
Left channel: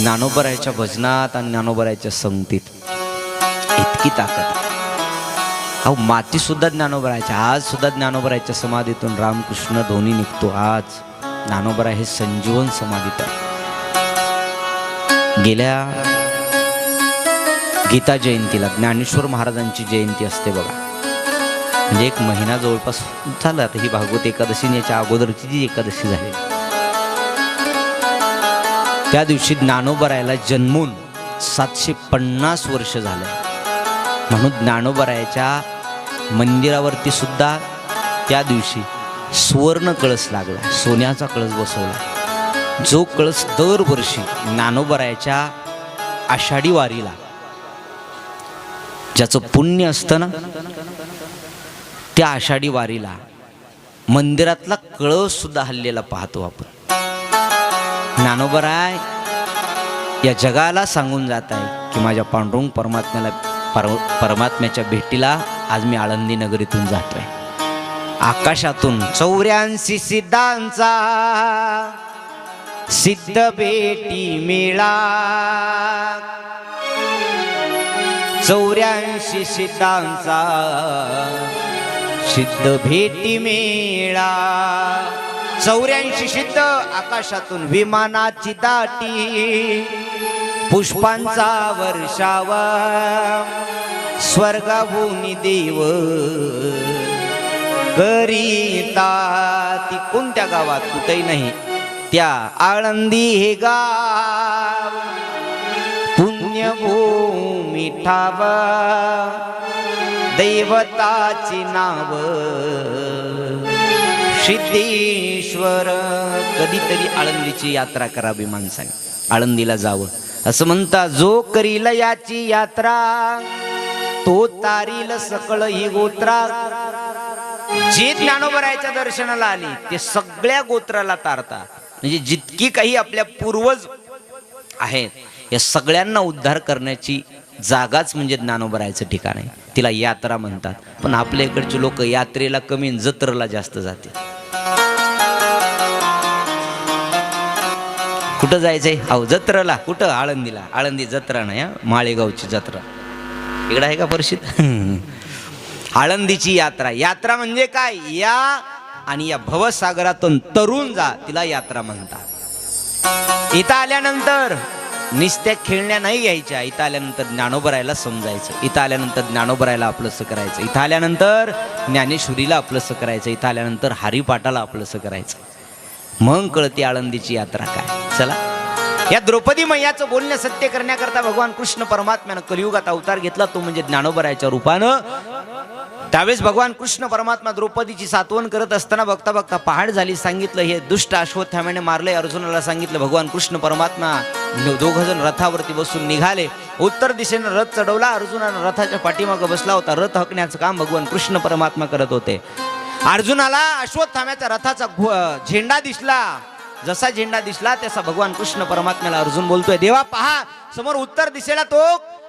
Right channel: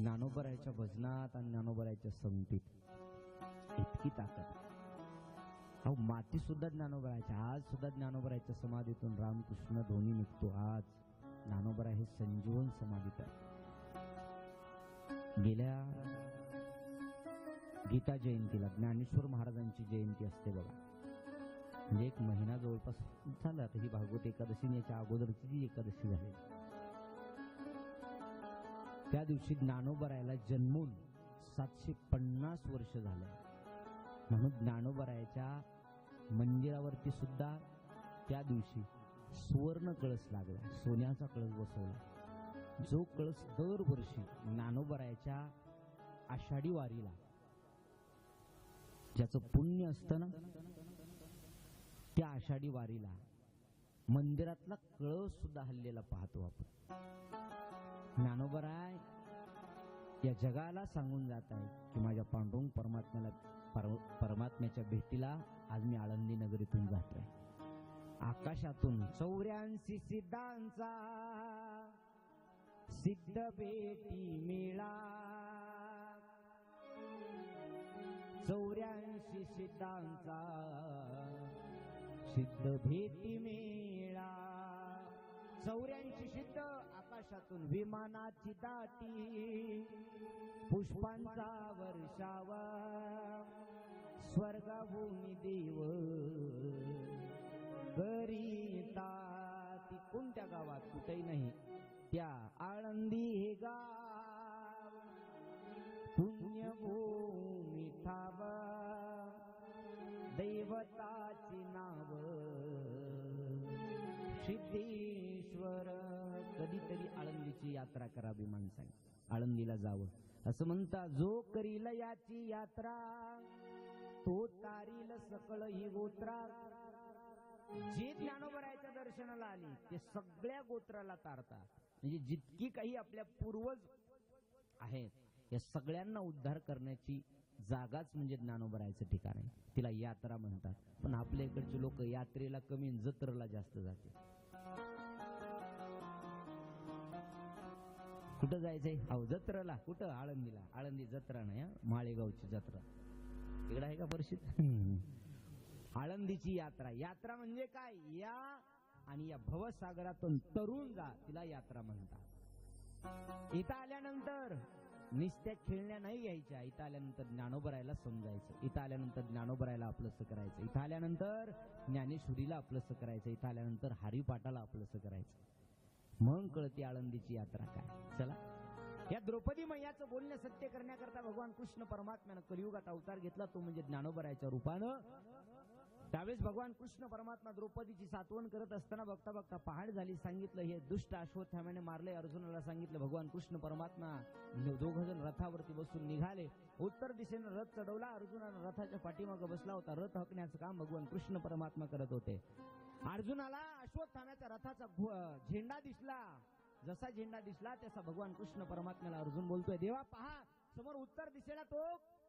ज्ञानोबरायाच्या भजनात आणि ज्ञानोबरायाच्या संगतीत इतकी ताकद आहे. अहो माती सुद्धा ज्ञानोबरायाच्या, आज सुद्धा ज्ञानोबरायाच्या समाधीतून रामकृष्ण दोन्ही निघतो. आज ज्ञानोबराय हे संजीवन समाधीत आहे. गेल्या गीता जयंतीला ज्ञानेश्वर महाराजांची जयंती असते बघा, म्हणजे एक महिना जवळपास झाला. आता ही भागवत एकादशी याच्या अगोदरची जी एकादशी झाली, त्या दिवशी ज्ञानोबरायाला जन्मून 750 वर्ष झाले. म्हणून ज्ञानोबरायाच्या मंदिरावरती सुद्धा त्या दिवशी सुवर्ण कळस लागला, सोन्याचा कळस बसवला. जो कळस दरवर्षी ज्ञानोबरायाच्या आषाढी वारीला, ज्याचं पुण्य असतं ना, त्या आषाढी वारीला मंदिरातला कळस सुद्धा हल्लेला पाहतो आपण. ज्ञानोबराय या जगाला सांगून जात आहे की माझ्या पांडुरंग परमात्म्याच्या भेटीला आज मी आळंदी नगरीतून जातोय. आकाशातून 84 सिद्धांचा सिद्ध भेटी मेळा, 84 सिद्धांचा सिद्ध भेटी मेळा. 84 सिद्ध आकाशातून विमानाची दाटी, पुष्पांचा वर्षावा स्वर्गाभूनी देव करीता. ती कोणत्या गावात? कुठेही नाही, त्या आळंदी हे गाव पुण्यभूमी ठाव, दैवताची नाव सिद्धेश्वर. कधीतरी आळंदीची यात्रा करावी माणसाने, आळंदीला जावं. असं म्हणता जो करील याची यात्रा, तो तारील सकळ ही गोत्रा. जे ज्ञानोबरायाच्या दर्शनाला आली ते सगळ्या गोत्राला तारता. म्हणजे जितकी काही आपल्या पूर्वज आहेत या सगळ्यांना उद्धार करण्याची जागाच म्हणजे ज्ञानोबरायाचं ठिकाण आहे. तिला यात्रा म्हणतात. पण आपल्या इकडचे लोक यात्रेला कमी, जत्रेला जास्त जाते. कुठं जायचंय? अहो जत्रेला. कुठं? आळंदीला. आळंदी जत्रा नाही, माळेगावची जत्रा. इकडं आहे का परिषद? आळंदीची यात्रा. यात्रा म्हणजे काय? या आणि या भवसागरातून तरुण जा, तिला यात्रा म्हणतात. इथं आल्यानंतर निस्त्या खेळण्या नाही घ्यायच्या. इथं आल्यानंतर ज्ञानोबरायाला समजायचं, इथं आल्यानंतर ज्ञानोबरायाला आपलंसं करायचं, इथं आल्यानंतर ज्ञानेश्वरीला आपलंसं करायचं, इथं आल्यानंतर हरिपाठाला आपलंसं करायचं. मग कळते आळंदीची यात्रा काय. चला, या द्रौपदी मैयाचं बोलणं सत्य करण्याकरता भगवान कृष्ण परमात्म्यानं कलियुगात अवतार घेतला, तो म्हणजे ज्ञानोबरायाच्या रूपानं. त्यावेळेस भगवान कृष्ण परमात्मा द्रौपदीची सात्वन करत असताना बघता बघता पहाड झाली. सांगितलं हे दुष्ट अश्वत्थाम्याने मारले. अर्जुनाला सांगितलं. भगवान कृष्ण परमात्मा 2 जण रथावरती बसून निघाले. उत्तर दिशेनं रथ चढवला. अर्जुनानं रथाच्या पाठीमागं बसला होता. रथ हकण्याचं काम भगवान कृष्ण परमात्मा करत होते. अर्जुनाला अश्वत्थाम्याच्या रथाचा झेंडा दिसला. जसा झेंडा दिसला तसा भगवान कृष्ण परमात्म्याला अर्जुन बोलतोय, देवा पहा, समोर उत्तर दिशेला तो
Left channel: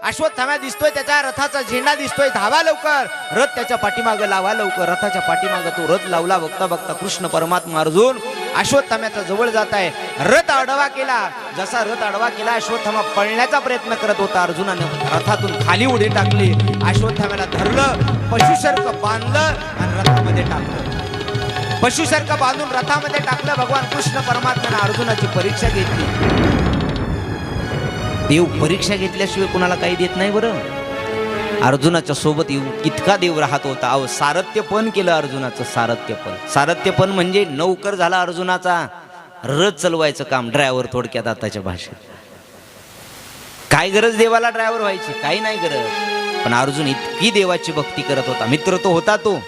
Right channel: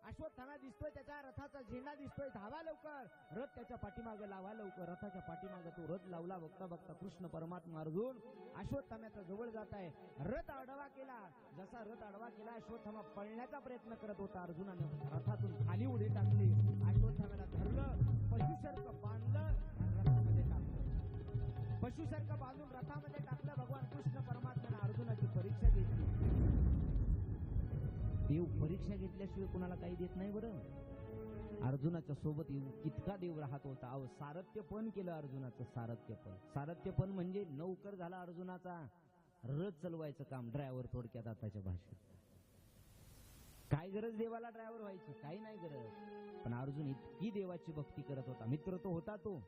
अश्वत्थाम्या दिसतोय, त्याच्या रथाचा झेंडा दिसतोय, धावा लवकर. रथ त्याच्या पाठीमागे लावा लवकर. रथाच्या पाठीमागे तो रथ लावला. बघता बघता कृष्ण परमात्मा अर्जुन अश्वत्थाम्याच्या जवळ जात आहे. रथ आडवा केला. जसा रथ आडवा केला, अश्वत्थामा पळण्याचा प्रयत्न करत होता. अर्जुनाने रथातून खाली उडी टाकली. अश्वत्थाम्याला धरलं, पशुसारखं बांधलं आणि रथामध्ये टाकलं. पशुसारखं बांधून रथामध्ये टाकलं. भगवान कृष्ण परमात्म्याने अर्जुनाची परीक्षा घेतली. देव परीक्षा घेतल्याशिवाय कुणाला काही देत नाही बरं. अर्जुनाच्या सोबत इतका देव राहत होता. अहो सारथ्यपण केलं अर्जुनाचं. सारथ्यपण म्हणजे नौकर झाला अर्जुनाचा. रथ चालवायचं काम, ड्रायव्हर थोडक्यात आताच्या भाषेत. काय गरज देवाला ड्रायव्हर व्हायची? काही नाही गरज. पण अर्जुन इतकी देवाची भक्ती करत होता. मित्र तो होता तो,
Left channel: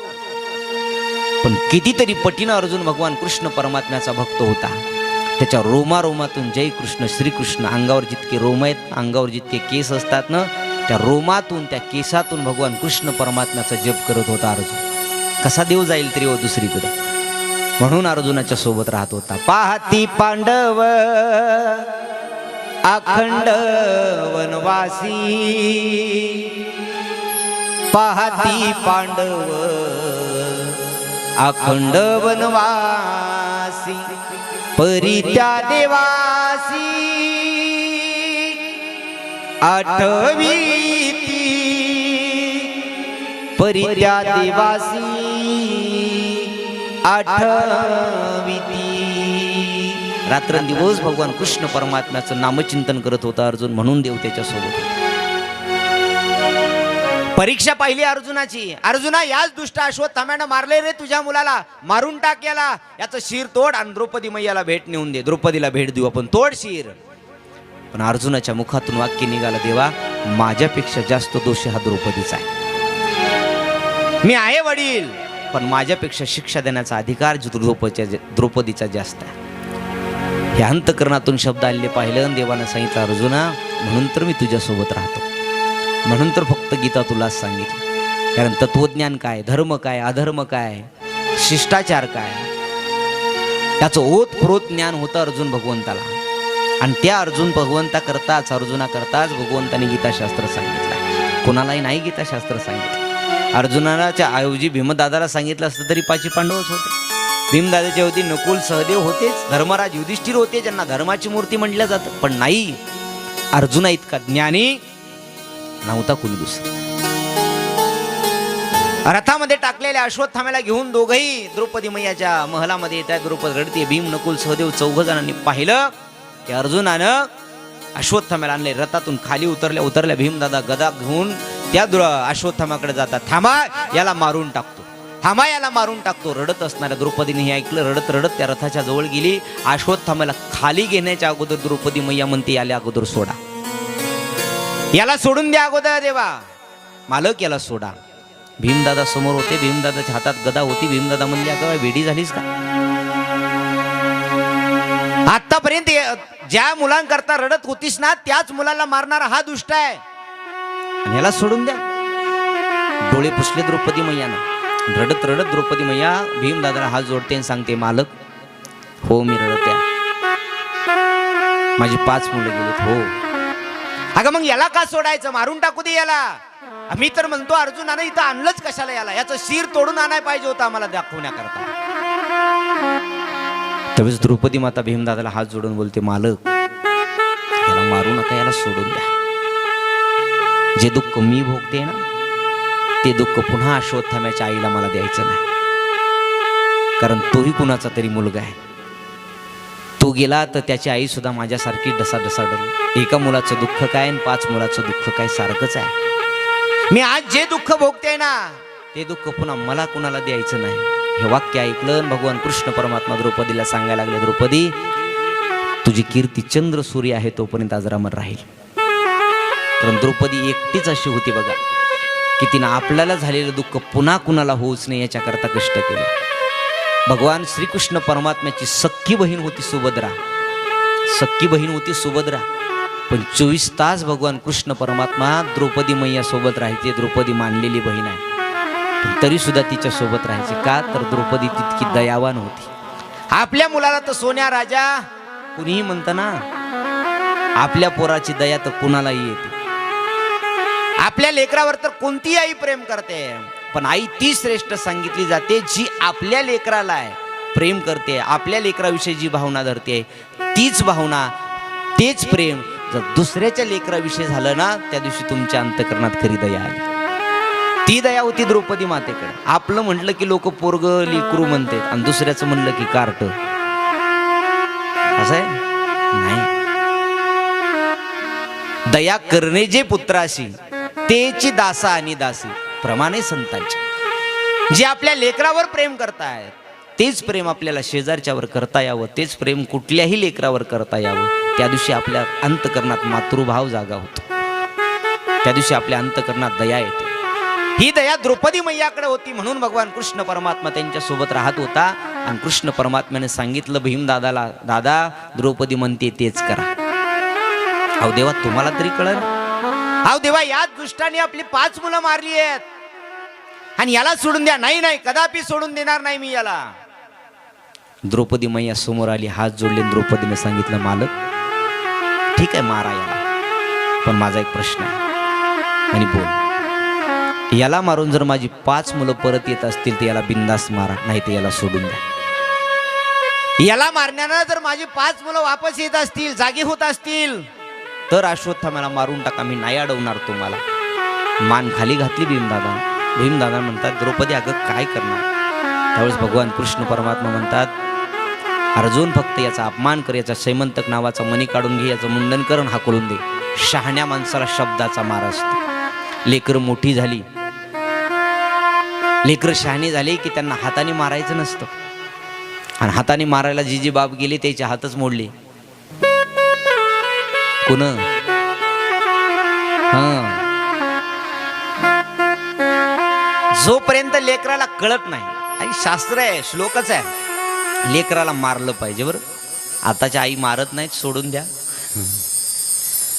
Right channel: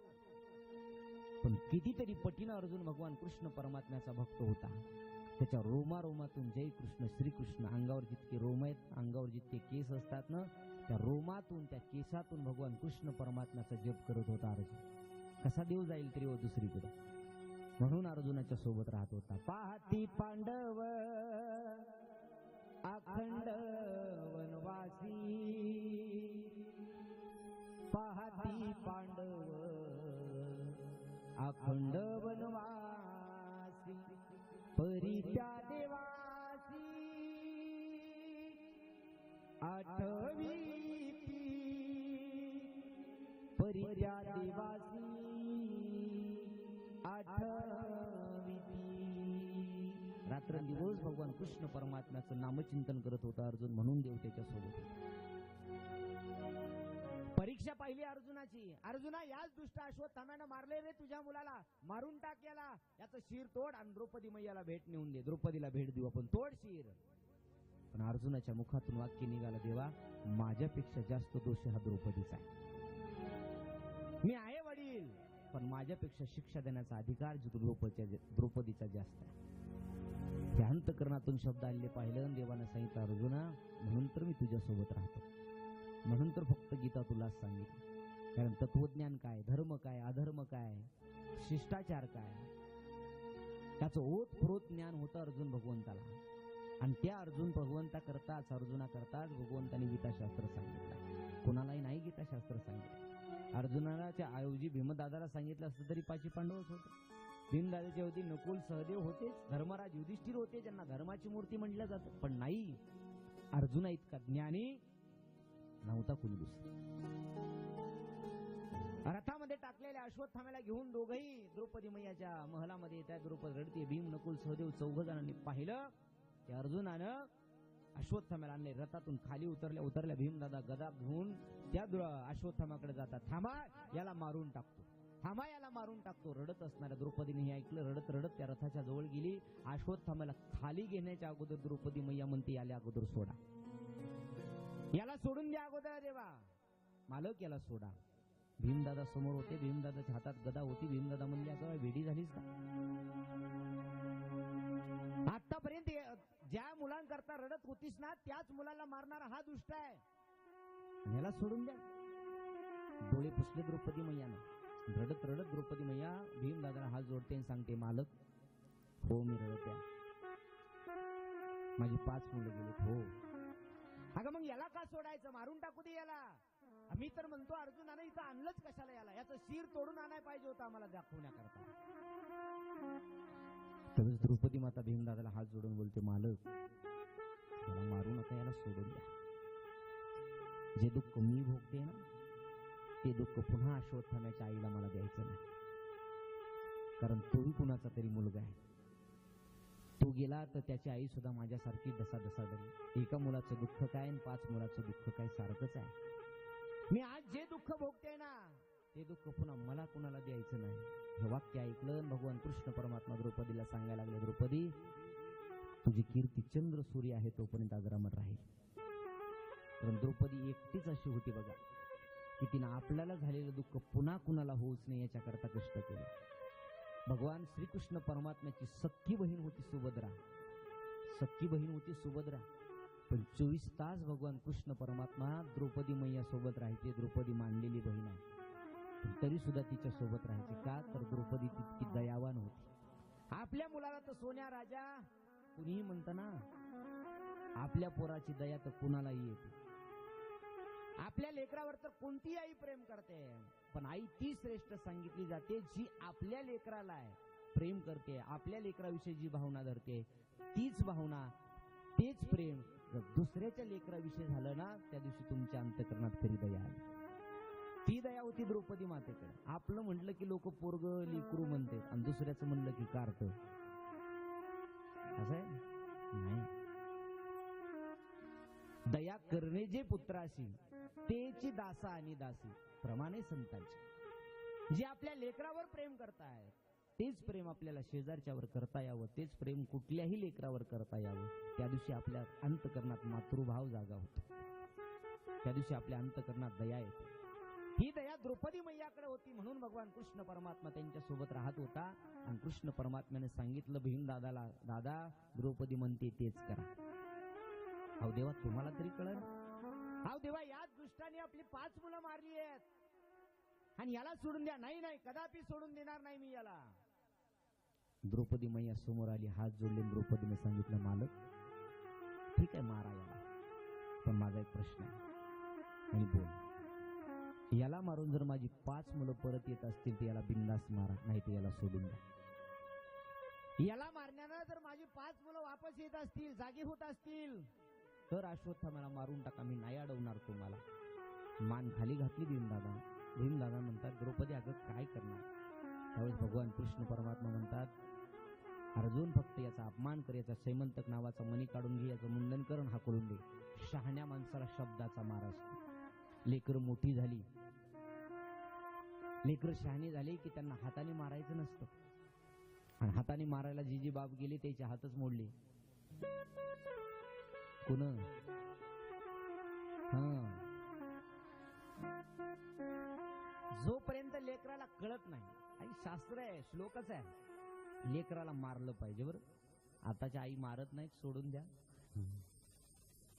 पण कितीतरी पटीनं अर्जुन भगवान कृष्ण परमात्म्याचा भक्त होता. त्याच्या रोमारोमातून जय कृष्ण श्रीकृष्ण, अंगावर जितके रोम आहेत, अंगावर जितके केस असतात ना, त्या रोमातून, त्या केसातून भगवान कृष्ण परमात्म्याचा जप करत होता अर्जुन. कसा देव जाईल तरी दुसरीकडे. म्हणून अर्जुनाच्या सोबत राहत होता. पाहती पांडव अखंड वनवासी, पाहती पांडव अखंड वनवासी, परी त्या देवासी आठवीती परित्या देवासी आठवीती. रात्रंदिवस भगवान कृष्ण परमात्म्याचं नामचिंतन करत होता अर्जुन, म्हणून देव त्याच्यासोबत होता. परीक्षा पाहिली अर्जुनाची. अर्जुना, याच दुष्ट अश्वत्थाम्यानं मारले रे तुझ्या मुलाला, मारून टाक याला, याचं शिर तोड आणि द्रौपदी मैयाला भेट नेऊन दे. द्रौपदीला भेट देऊ आपण, तोड शिर. पण अर्जुनाच्या मुखातून वाक्य निघालं, देवा माझ्यापेक्षा जास्त दोषी हा द्रौपदीचा आहे. मी आहे वडील, पण माझ्यापेक्षा शिक्षा देण्याचा अधिकार द्रौपदीचा जास्त आहे. हे अंतकरणातून शब्द आलेले पाहिलं आणि देवानं सांगितलं, अर्जुना म्हणून तर मी तुझ्यासोबत राहतो, म्हणून तर फक्त गीता तुलाच सांगितली. कारण तत्वज्ञान काय, धर्म काय, अधर्म काय, शिष्टाचार काय, त्याचं ओतप्रोत ज्ञान होतं अर्जुन भगवंताला. आणि त्या अर्जुन भगवंता करताच, अर्जुना करताच भगवंताने गीताशास्त्र सांगितलं. कोणालाही नाही गीताशास्त्र सांगितलं. अर्जुनाच्या ऐवजी भीमदादाला सांगितलं असतं तरी पाची पांडवच होते. भीमदादाच्या ऐवजी नकुल सहदेव होतेच, धर्मराज युधिष्ठिर होते, ज्यांना धर्माची मूर्ती म्हटलं जातं. पण नाही, अर्जुना इतका ज्ञानी नव्हता कोणी दुसरा. रथामध्ये टाकलेल्या अश्वत्थाम्याला घेऊन दोघही द्रौपदी मैयाच्या महलामध्ये येतात. द्रौपदी रडते. भीम, नकुल, सहदेव चौघ जणांनी पाहिलं की अर्जुनानं अश्वत्थाम्याला आणले. रथातून खाली उतरल्या भीमदादा गदा घेऊन त्या अश्वत्थाम्याकडे जातात. थांबा, याला मारून टाकतो, थांबा, याला मारून टाकतो. रडत असणाऱ्या द्रौपदीने हे ऐकलं. रडत रडत त्या रथाच्या जवळ गेली. अश्वत्थाम्याला खाली घेण्याच्या अगोदर द्रौपदी मैया म्हणते, याला अगोदर सोडा, याला सोडून द्या अगोदर देवा, मालक याला सोडा. भीमदादा समोर होते. भीमदादाच्या हातात गदा होती. भीमदादा म्हणले, अगं वेडी झालीस का? आतापर्यंत ज्या मुलांकरता रडत होतीस ना, त्याच मुलाला मारणारा हा दुष्ट आहे, आणि याला सोडून द्या. डोळे पुसले द्रौपदी मैयानं. रडत रडत द्रौपदी मैया भीमदादाला हात जोडते आणि सांगते, मालक हो मी रडते, माझी 5 मुलं गेलीत. हो. अगं मग याला का सोडायचं, मारून टाकू दे याला. मी तर म्हणतो अर्जुनानं इथं आणलंच कशाला याला, याचं शिर तोडून आणाय पाहिजे होतं आम्हाला दाखवण्याकरता. त्यावेळेस द्रौपदी माता भीमदादाला हात जोडून बोलते, मालक याला मारू नका, याला सोडून द्या. जे दुःख मी भोगते ना, ते दुःख पुन्हा अश्वत्थाम्याच्या आईला मला द्यायचं नाही. कारण तोही कुणाचा तरी मुलगा आहे. तो गेला तर त्याची आई सुद्धा माझ्यासारखी ढसाढसा डरली. एका मुलाचं दुःख काय आणि 5 मुलाचं दुःख काय सारखंच आहे. मी आज जे दुःख भोगते ना, ते दुःख पुन्हा मला कुणाला द्यायचं नाही. हे वाक्य ऐकलं भगवान कृष्ण परमात्मा द्रौपदीला सांगायला लागले, द्रौपदी तुझी कीर्ती चंद्र सूर्य आहे तोपर्यंत अजरामर राहील. कारण द्रौपदी एकटीच अशी होती बघा, की तिनं आपल्याला झालेलं दुःख पुन्हा कुणाला होऊच नाही याच्याकरता कष्ट केले. भगवान श्रीकृष्ण परमात्म्याची सख्खी बहीण होती सुभद्रा. सख्खी बहीण होती सुभद्रा. पण 24 तास भगवान कृष्ण परमात्मा द्रौपदी मैया सोबत राहायचे. द्रौपदी मानलेली बहीण आहे, पण तरी सुद्धा तिच्या सोबत राहायचे. का तर द्रौपदी तितकी दयावान होती. आपल्या मुलाला तर सोन्या राजा कुणीही म्हणतं ना, आपल्या पोराची दया तर कुणालाही येते. आपल्या लेकरावर तर कोणतीही आई प्रेम करते, पण आई ती श्रेष्ठ सांगितली जाते जी आपल्या लेकराला आहे प्रेम करते, आपल्या लेकराविषयी जी भावना धरते, तीच भावना तेच प्रेम जर दुसऱ्याच्या लेकराविषयी झालं ना, त्या दिवशी तुमच्या अंतकरणात खरी दया आली. ती दया होती द्रौपदी मातेकडे. आपलं म्हटलं की लोक पोरग लेकरू म्हणतात आणि दुसऱ्याचं म्हणलं की कार्ट. असं आहे नाही. दया करणे जे पुत्राशी तेची दासा आणि दासी प्रमाणे संतांच्या. जे आपल्या लेकरावर प्रेम करतायत तेच प्रेम आपल्याला शेजारच्यावर करता यावं, तेच प्रेम कुठल्याही लेकरावर करता यावं. त्या दिवशी आपल्या अंतकरणात मातृभाव जागा होतो. त्या दिवशी आपल्या अंतकरणात दया येते. ही दया द्रौपदी मैयाकडे होती, म्हणून भगवान कृष्ण परमात्मा त्यांच्या सोबत राहत होता. आणि कृष्ण परमात्म्याने सांगितलं भीमदादाला, दादा द्रौपदी म्हणते तेच करा. अहो देवा तुम्हाला तरी कळलं. अहो देवा याच दुष्टाने आपली 5 मुलं मारली आहेत आणि याला सोडून द्या. नाही नाही, कदापि सोडून देणार नाही मी याला. द्रौपदी मैया समोर आली, हात जोडले. द्रौपदीने सांगितलं, मालक ठीक आहे मारा याला, पण माझा एक प्रश्न आहे. आणि बोल. याला मारून जर माझी 5 मुलं परत येत असतील तर याला बिंदास मारा, नाही तर याला सोडून द्या. याला मारण्यानं जर माझी 5 मुलं वापस येत असतील, जागी होत असतील, तर अश्वत्थाम्याला मारून टाका, मी नाही अडवणार तुम्हाला. मान खाली घातली भीमदादा. भीमदादा म्हणतात, द्रौपदी अगं काय करणार? त्यावेळेस भगवान कृष्ण परमात्मा म्हणतात, अर्जुन फक्त याचा अपमान कर, याचा सैमंतक नावाचा मणी काढून घे, याचं मुंडन करून हाकलून दे. शहाण्या माणसाला शब्दाचा मार असतो. लेकरं मोठी झाली, लेकरं शहाणी झाली की त्यांना हाताने मारायचं नसतं. आणि हाताने मारायला जी जी बाप गेली त्याचे हातच मोडले. कोण? जोपर्यंत लेकराला कळत नाही, आणि शास्त्र आहे, श्लोकच आहे, लेकराला मारलं पाहिजे. बरं, आताच्या आई मारत नाहीत, सोडून द्या,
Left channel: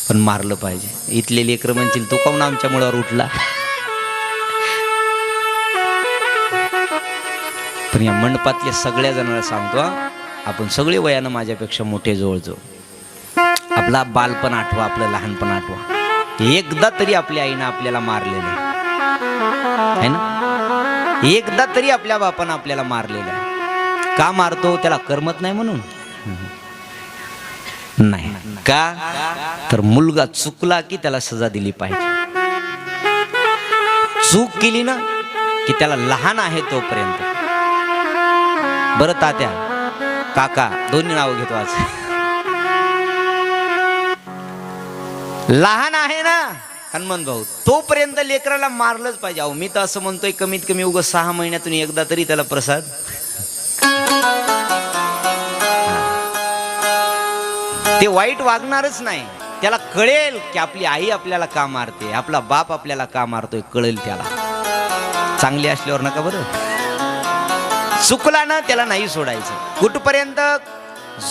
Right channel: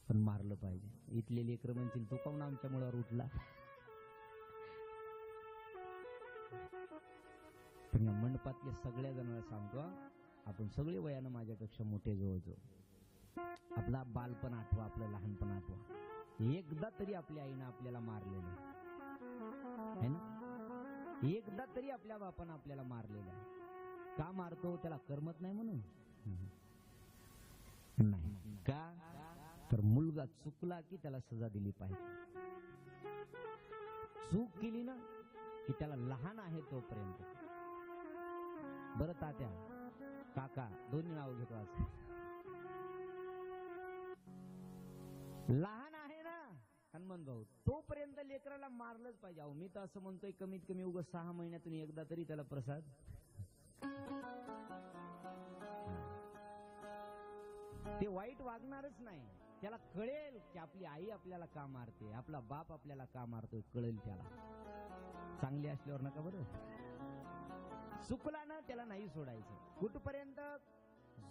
पण मारलं पाहिजे. इथले लेकरं म्हणतील तू काऊन आमच्या मुळावर उठला? पण या मंडपातल्या सगळ्या जणांना सांगतो, आपण सगळे वयानं माझ्यापेक्षा मोठे जवळजवळ. आपला बालपण आठवा, आपलं लहानपण आठवा. एकदा तरी आपल्या आईनं आपल्याला मारलेलं आहे ना? एकदा तरी आपल्या बापानं आपल्याला मारलेलं आहे. का मारतो? त्याला करमत नाही म्हणून नाही का? तर मुलगा चुकला की त्याला सजा दिली पाहिजे. चूक केली ना की त्याला लहान आहे तोपर्यंत. बरं तात्या, काका, दोन्ही नाव घेतो आज. लहान आहे ना हनुमान भाऊ, तोपर्यंत लेकराला मारलंच पाहिजे. अहो मी तर असं म्हणतोय, कमीत कमी उगाच 6 महिन्यातून एकदा तरी त्याला प्रसाद. ते वाईट वागणारच नाही. त्याला कळेल की आपली आई आपल्याला का मारते, आपला बाप आपल्याला का मारतोय, कळेल त्याला. चांगली असल्यावर नका बरं. चुकला ना त्याला नाही सोडायचं. कुठपर्यंत?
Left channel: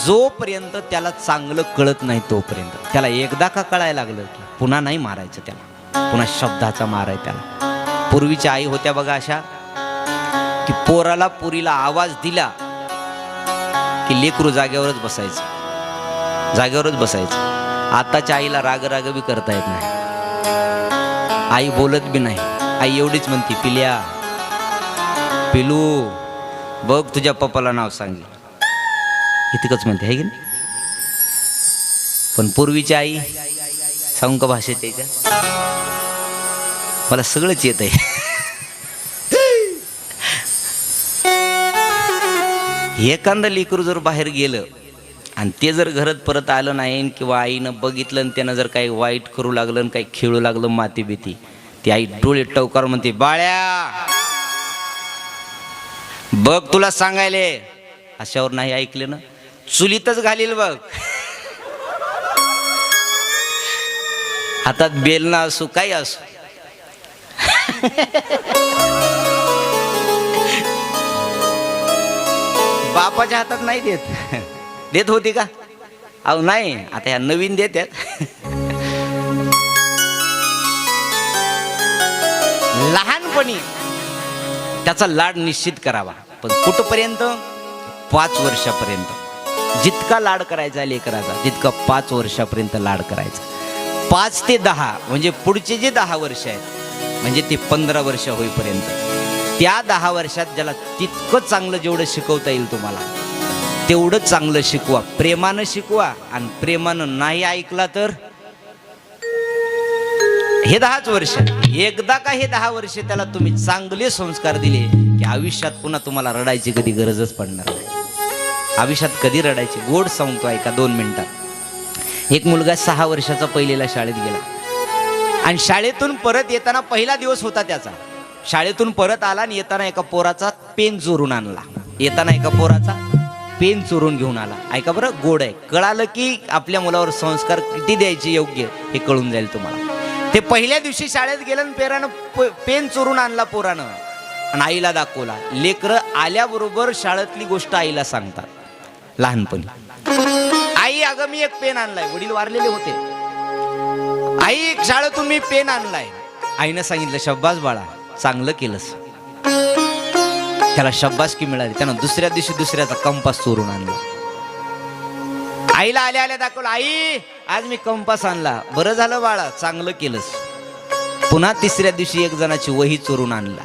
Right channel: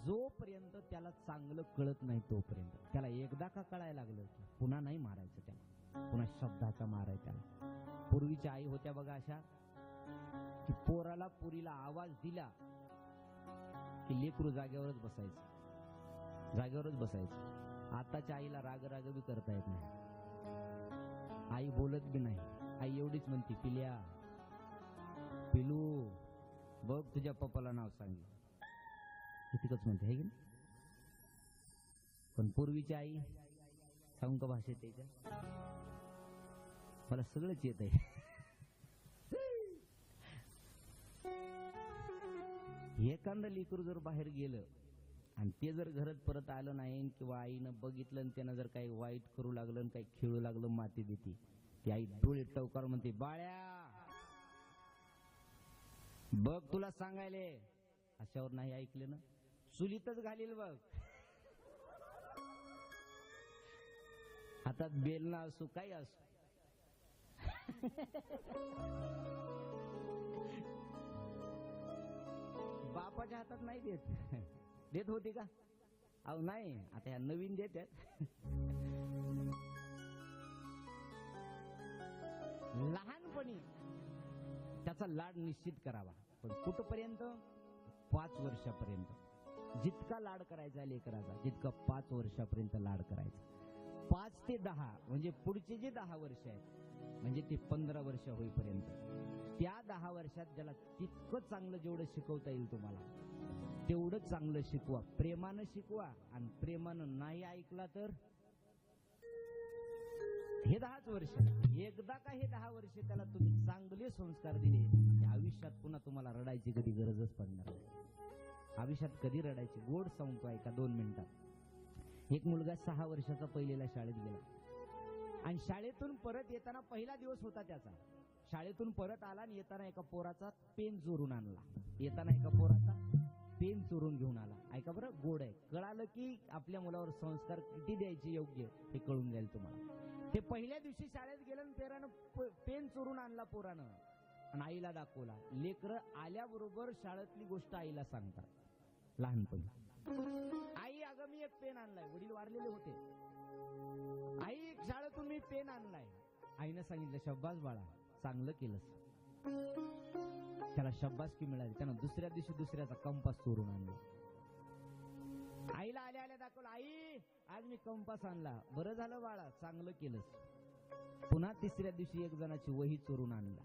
जोपर्यंत त्याला चांगलं कळत नाही तोपर्यंत. त्याला एकदा का कळायला लागलं की पुन्हा नाही मारायचं त्याला, पुन्हा शब्दाचा मार आहे त्याला. पूर्वीच्या आई होत्या बघा अशा, की पोराला पुरीला आवाज दिला की लेकरू जागेवरच बसायचं, जागेवरच बसायचं. आताच्या आईला राग राग बी करता येत नाही. आई बोलत बी नाही. आई एवढीच म्हणते, पिल्या, पिलू बघ तुझ्या पप्पाला नाव सांगितलं, इतकंच म्हणते, आहे की नाही? पण पूर्वीची आई सांगू का भाषेत त्याच्या, मला सगळंच येत आहे. एखादं लेकरू जर बाहेर गेलं आणि ते जर घरात परत आलं नाही, किंवा आईनं बघितलं आणि त्यानं जर काही वाईट करू लागलं आणि काही खेळू लागलं माती भीती, ती आई डोळे टवकार म्हणते, बाळ्या बघ तुला सांगायले. अशावर नाही ऐकले ना, चुलीतच घालील बघ. हातात बेलना असो काही असो. बापाच्या हातात नाही देत. देत होती का? अहो नाही, आता ह्या नवीन देतात. लहानपणी त्याचा लाड निश्चित करावा. पण कुठपर्यंत? 5 वर्षापर्यंत. जितका लाड करायचा लेकराचा, तितका 5 वर्षापर्यंत लाड करायचा. 5 ते 10 म्हणजे पुढचे जे 10 वर्ष आहेत, म्हणजे ते 15 वर्ष होईपर्यंत, त्या 10 वर्षात ज्याला तितकं चांगलं जेवढं शिकवता येईल तुम्हाला, तेवढं चांगलं शिकवा. प्रेमानं शिकवा. आणि प्रेमानं नाही ऐकला तर हे 10च वर्ष, एकदा का हे 10 वर्ष त्याला तुम्ही चांगले संस्कार दिले की आयुष्यात पुन्हा तुम्हाला रडायची कधी गरजच पडणार नाही. आयुष्यात कधी रडायची. गोड सांगतो ऐका 2 मिनिटात. एक मुलगा 6 वर्षाचा पहिलेला शाळेत गेला, आणि शाळेतून परत येताना पहिला दिवस होता त्याचा. शाळेतून परत आला आणि येताना एका पोराचा पेन चोरून आणला. येताना एका पोराचा पेन चोरून घेऊन आला. ऐका बरं, गोड आहे. कळालं की आपल्या मुलावर संस्कार किती द्यायचे योग्य हे कळून जाईल तुम्हाला. ते पहिल्या दिवशी शाळेत गेलं आणि पेरानं पेन चोरून आणला पोरानं, आणि आईला दाखवला. लेकरं आल्याबरोबर शाळेतली गोष्ट आईला सांगतात लहानपणी. आई अगं मी एक पेन आणलाय. वडील वारलेले होते. आई शाळेतून मी पेन आणलाय. आईनं सांगितलं शब्बास बाळा, चांगलं केलंस. त्याला शब्बासकी मिळाली. त्यानं दुसऱ्या दिवशी दुसऱ्याचा कंपास चोरून आणला. आईला आल्या आल्या दाखवलं, आई आज मी कंपास आणला. बरं झालं बाळा, चांगलं केलंस. पुन्हा तिसऱ्या दिवशी एक जणाची वही चोरून आणला.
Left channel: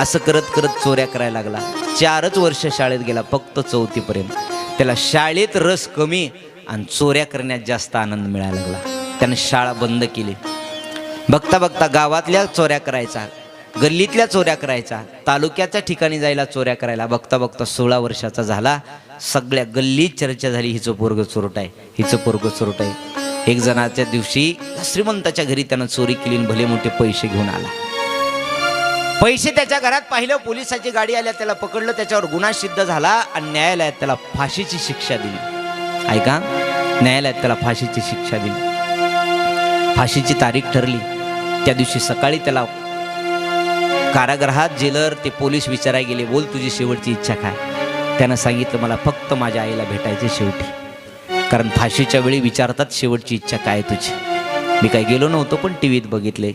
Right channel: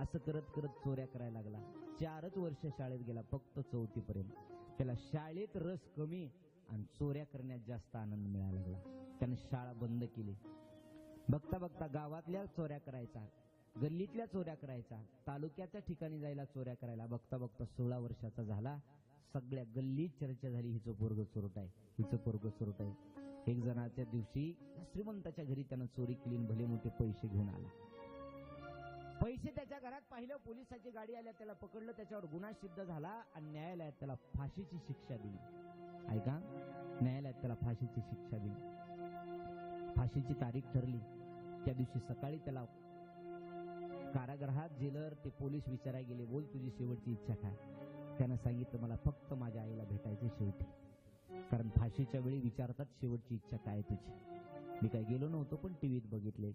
असं करत करत चोऱ्या करायला लागला. 4च वर्ष शाळेत गेला, फक्त 4थी पर्यंत. त्याला शाळेत रस कमी आणि चोऱ्या करण्यात जास्त आनंद मिळायला लागला. त्यानं शाळा बंद केली. बघता बघता गावातल्या चोऱ्या करायचा, गल्लीतल्या चोऱ्या करायचा, तालुक्याच्या ठिकाणी जायला चोऱ्या करायला. बघता बघता 16 वर्षाचा झाला. सगळ्या गल्लीत चर्चा झाली, हिचं पोरग चोरट आहे, हिचं पोरग चोरट आहे. एक जणाच्या दिवशी श्रीमंताच्या घरी त्यानं चोरी केली आणि भले मोठे पैसे घेऊन आला. पैसे त्याच्या घरात पाहिलं, पोलिसाची गाडी आल्या, त्याला पकडलं, त्याच्यावर गुन्हा सिद्ध झाला आणि न्यायालयात त्याला फाशीची शिक्षा दिली. ऐका, न्यायालयात त्याला फाशीची शिक्षा दिली. फाशीची तारीख ठरली. त्या दिवशी सकाळी त्याला कारागृहात जेलर ते पोलीस विचारायला गेले, बोल तुझी शेवटची इच्छा काय? त्यानं सांगितलं, मला फक्त माझ्या आईला भेटायचे शेवटी. कारण फाशीच्या वेळी विचारतात, शेवटची इच्छा काय तुझी? मी काही गेलो नव्हतो, पण टीव्हीत बघितले.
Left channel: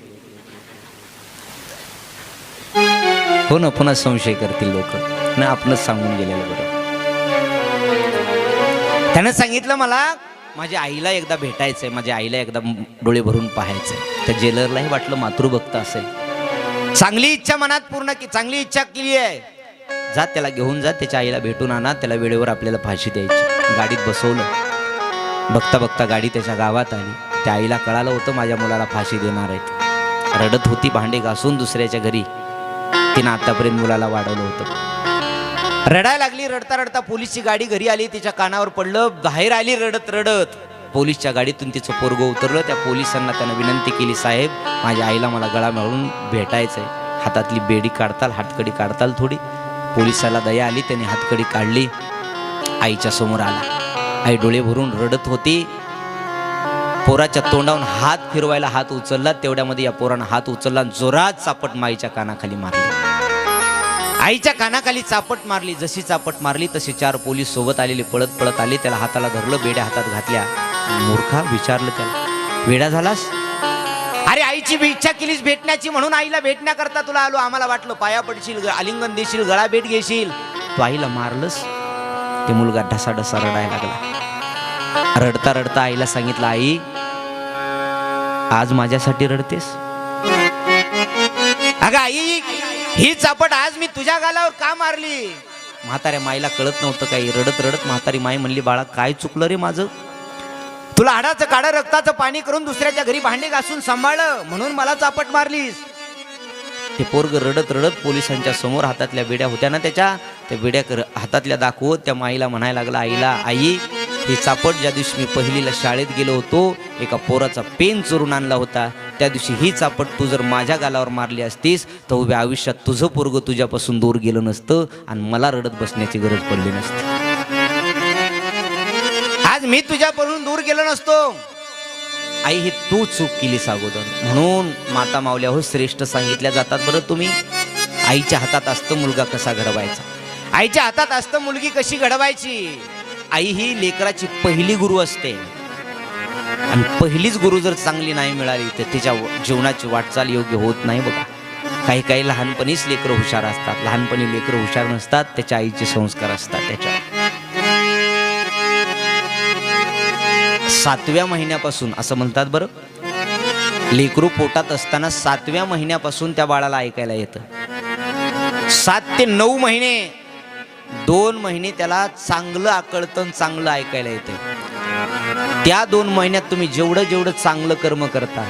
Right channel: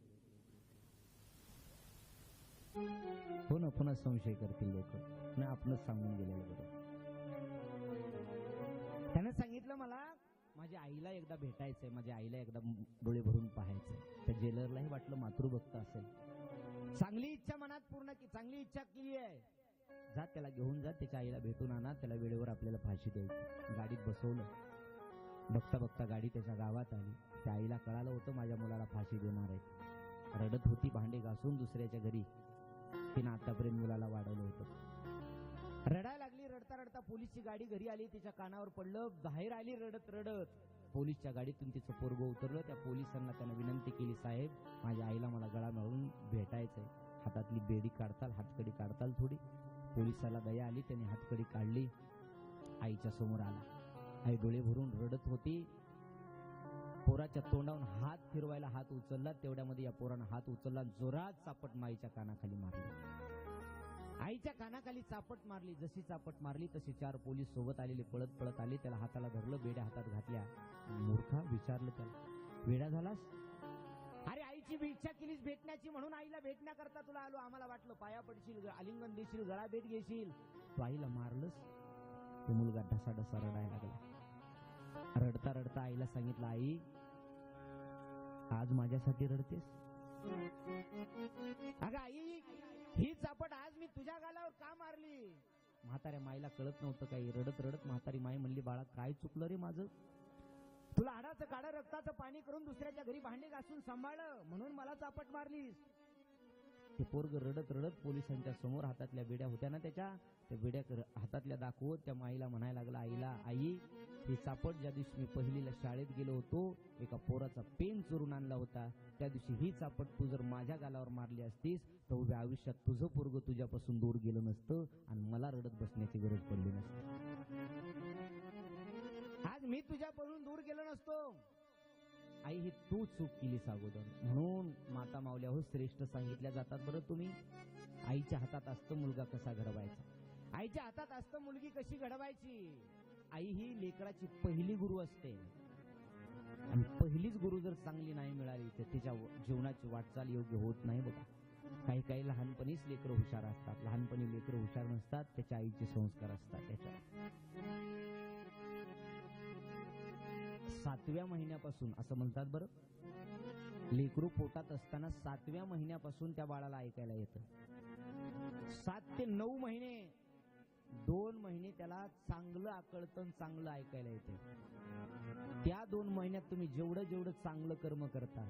हो ना, पुन्हा संशय करतील लोक ना, आपणच सांगून गेलेलं बरं. त्यानं सांगितलं, मला माझ्या आईला एकदा भेटायचंय, माझ्या आईला एकदा डोळे भरून पाहायचंय. त्या जेलरलाही वाटलं मातृभक्त असेल, चांगली इच्छा मनात पूर्ण की, चांगली इच्छा केली आहे, जा त्याला घेऊन जा, त्याच्या आईला भेटून आणा, त्याला वेळेवर आपल्याला फाशी द्यायची. गाडीत बसवलं. बघता बघता गाडी त्याच्या गावात आली. त्या आईला कळालं होतं माझ्या मुलाला फाशी देणार आहेत. रडत होती, भांडे घासून दुसऱ्याच्या घरी. तिनं आतापर्यंत मुलाला वाढवलं होतं. रडायला लागली. रडता रडता पोलीसची गाडी घरी आली, तिच्या कानावर पडलं, बाहेर आली रडत रडत. पोलीसच्या गाडीतून तिचं पोरगं उतरलं. त्या पोलिसांना त्यानं विनंती केली, साहेब माझ्या आईला मला गळा मिळून भेटायचंय. हातातली बेडी काढताल, हातकडी काढताल थोडी. पोलिसाला दया आली, त्याने हातकडी काढली, आईच्या समोर आला. आई डोळे भरून रडत होती. पोराच्या तोंडावरून हात फिरवायला हात उचलला, तेवढ्यामध्ये या पोरानं हात उचलला, जोरात चापट माईच्या कानाखाली मारली. आईच्या कानाखाली चापट मारली. जशी चापट मारली तशी 4 पोलीस सोबत आलेले पळत पळत आले. त्याला हाताला धरलं, बेड्या हातात घातल्या. मूर्खा, विचारलं त्याला, वेडा झालास? अरे आईची इच्छा केलीस भेटण्याची, म्हणून आईला भेटण्याकरता तुला आलो. आम्हाला वाटलं पाया पडशील, आलिंगन देशील, गळा भेट घेशील, तू आईला मारलंस. ते मुलगा ढसाढसा रडायला लागला. रडता रडता आईला सांगितलं, आई आज माझ्यासाठी रडतेस? अगं आई, ही चापट आज मी तुझ्या गालावर का मारली? म्हाताऱ्या माईला कळत नव्हतं काही. रडत रडत म्हातारी माई म्हणली, बाळा काय चुकलं रे माझं? तुला हाडाचं काढं रक्ताचं पाणी करून दुसऱ्याच्या घरी भांडे घासून सांभाळलं, म्हणून मला चापट मारलीस. ते पोरग रडत रडत पोलिसांच्या समोर, हातातल्या बेड्या होत्या ना त्याच्या, त्या बेड्या हातातल्या दाखवत त्या माईला म्हणायला लागला, आईला, आई ही चापट ज्या दिवशी मी पहिलीला शाळेत गेलो होतो, एका पोराचा पेन चोरून आणला होता, त्या दिवशी ही चापट तू जर माझ्या गालावर मारली असतीस तर उभ्या आयुष्यात तुझं पोरग तुझ्यापासून दूर गेलं नसतं आणि मला रडत बसण्याची गरज पडली नसती. आज मी तुझ्यापासून दूर गेलो नसतो. आई, ही तू चूक केलीस अगोदर, म्हणून माता माऊल्या हो श्रेष्ठ सांगितल्या जातात बरं तुम्ही. आईच्या हातात असतं मुलगा कसा घडवायचा, आईच्या हातात असतं मुलगी कशी घडवायची. आई ही लेकराची पहिली गुरु असते आणि पहिलीच गुरु जर चांगली नाही मिळाली तर तिच्या जीवनाची वाटचाल योग्य होत नाही बघा. काही काही लहानपणीच लेकरं हुशार असतात, लहानपणी लेकरं हुशार नसतात, त्याच्या आईचे संस्कार असतात. त्याच्या 7व्या महिन्यापासून असं म्हणतात बरं, लेकरू पोटात असताना 7व्या महिन्यापासून त्या बाळाला ऐकायला येतं. 7 ते 9 महिने, 2 महिने त्याला चांगलं आकळतं, चांगलं ऐकायला येतं. त्या 2 महिन्यात तुम्ही जेवढं जेवढं चांगलं कर्म करता,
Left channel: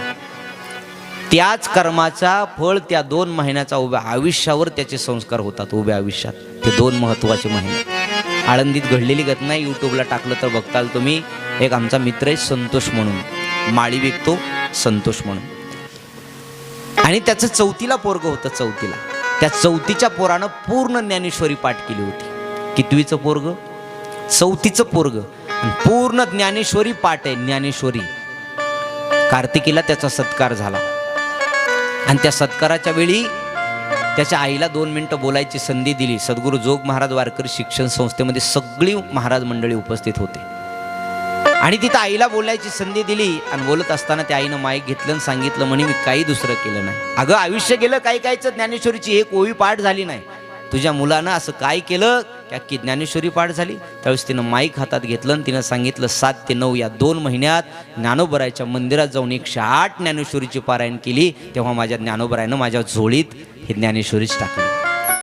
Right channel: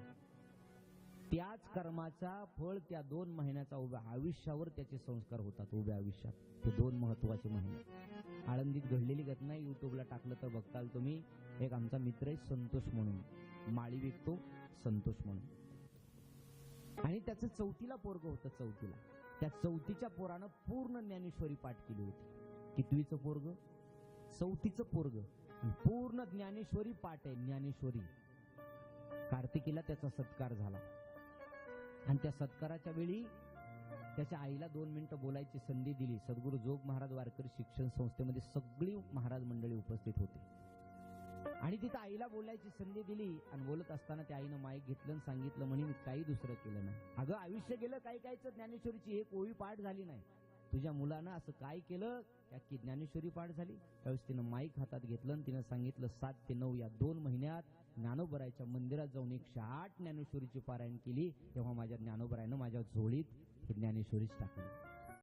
त्याच कर्माचा फळ त्या 2 महिन्याचा उभ्या आयुष्यावर त्याचे संस्कार होतात. उभ्या आयुष्यात ते 2 महत्वाचे महिने. आळंदीत घडलेली घटना यूट्यूबला टाकलं तर बघताल तुम्ही. एक आमचा मित्र आहे संतोष म्हणून, माळी विकतो संतोष म्हणून, आणि त्याचं 4थीला पोरग होतं. 4थीला त्या 4थीच्या पोरानं पूर्ण ज्ञानेश्वरी पाठ केली होती. कितवीचं पोरग? 4थीचं पोरग, पूर्ण ज्ञानेश्वरी पाठ आहे. ज्ञानेश्वरी. कार्तिकीला त्याचा सत्कार झाला आणि त्या सत्काराच्या वेळी त्याच्या आईला 2 मिनिटं बोलायची संधी दिली. सद्गुरू जोग महाराज वारकरी शिक्षण संस्थेमध्ये सगळी महाराज मंडळी उपस्थित होते आणि तिथं आईला बोलायची संधी दिली. आणि बोलत असताना त्या आईनं माईक घेतलं आणि सांगितलं, म्हणे मी काही दुसरं केलं नाही. अगं आयुष्य गेलं, काही काहीच ज्ञानेश्वरीची एक ओवी पाठ झाली नाही. तुझ्या मुलानं असं काय केलं की ज्ञानेश्वरी पाठ झाली? त्यावेळेस तिनं माईक हातात घेतलं आणि तिनं सांगितलं, 7 ते 9 या 2 महिन्यात ज्ञानोबराच्या मंदिरात जाऊन 108 ज्ञानेश्वरीची पारायण केली. तेव्हा माझ्या ज्ञानोबरायनं माझ्या झोळीत ही ज्ञानेश्वरीच टाकली.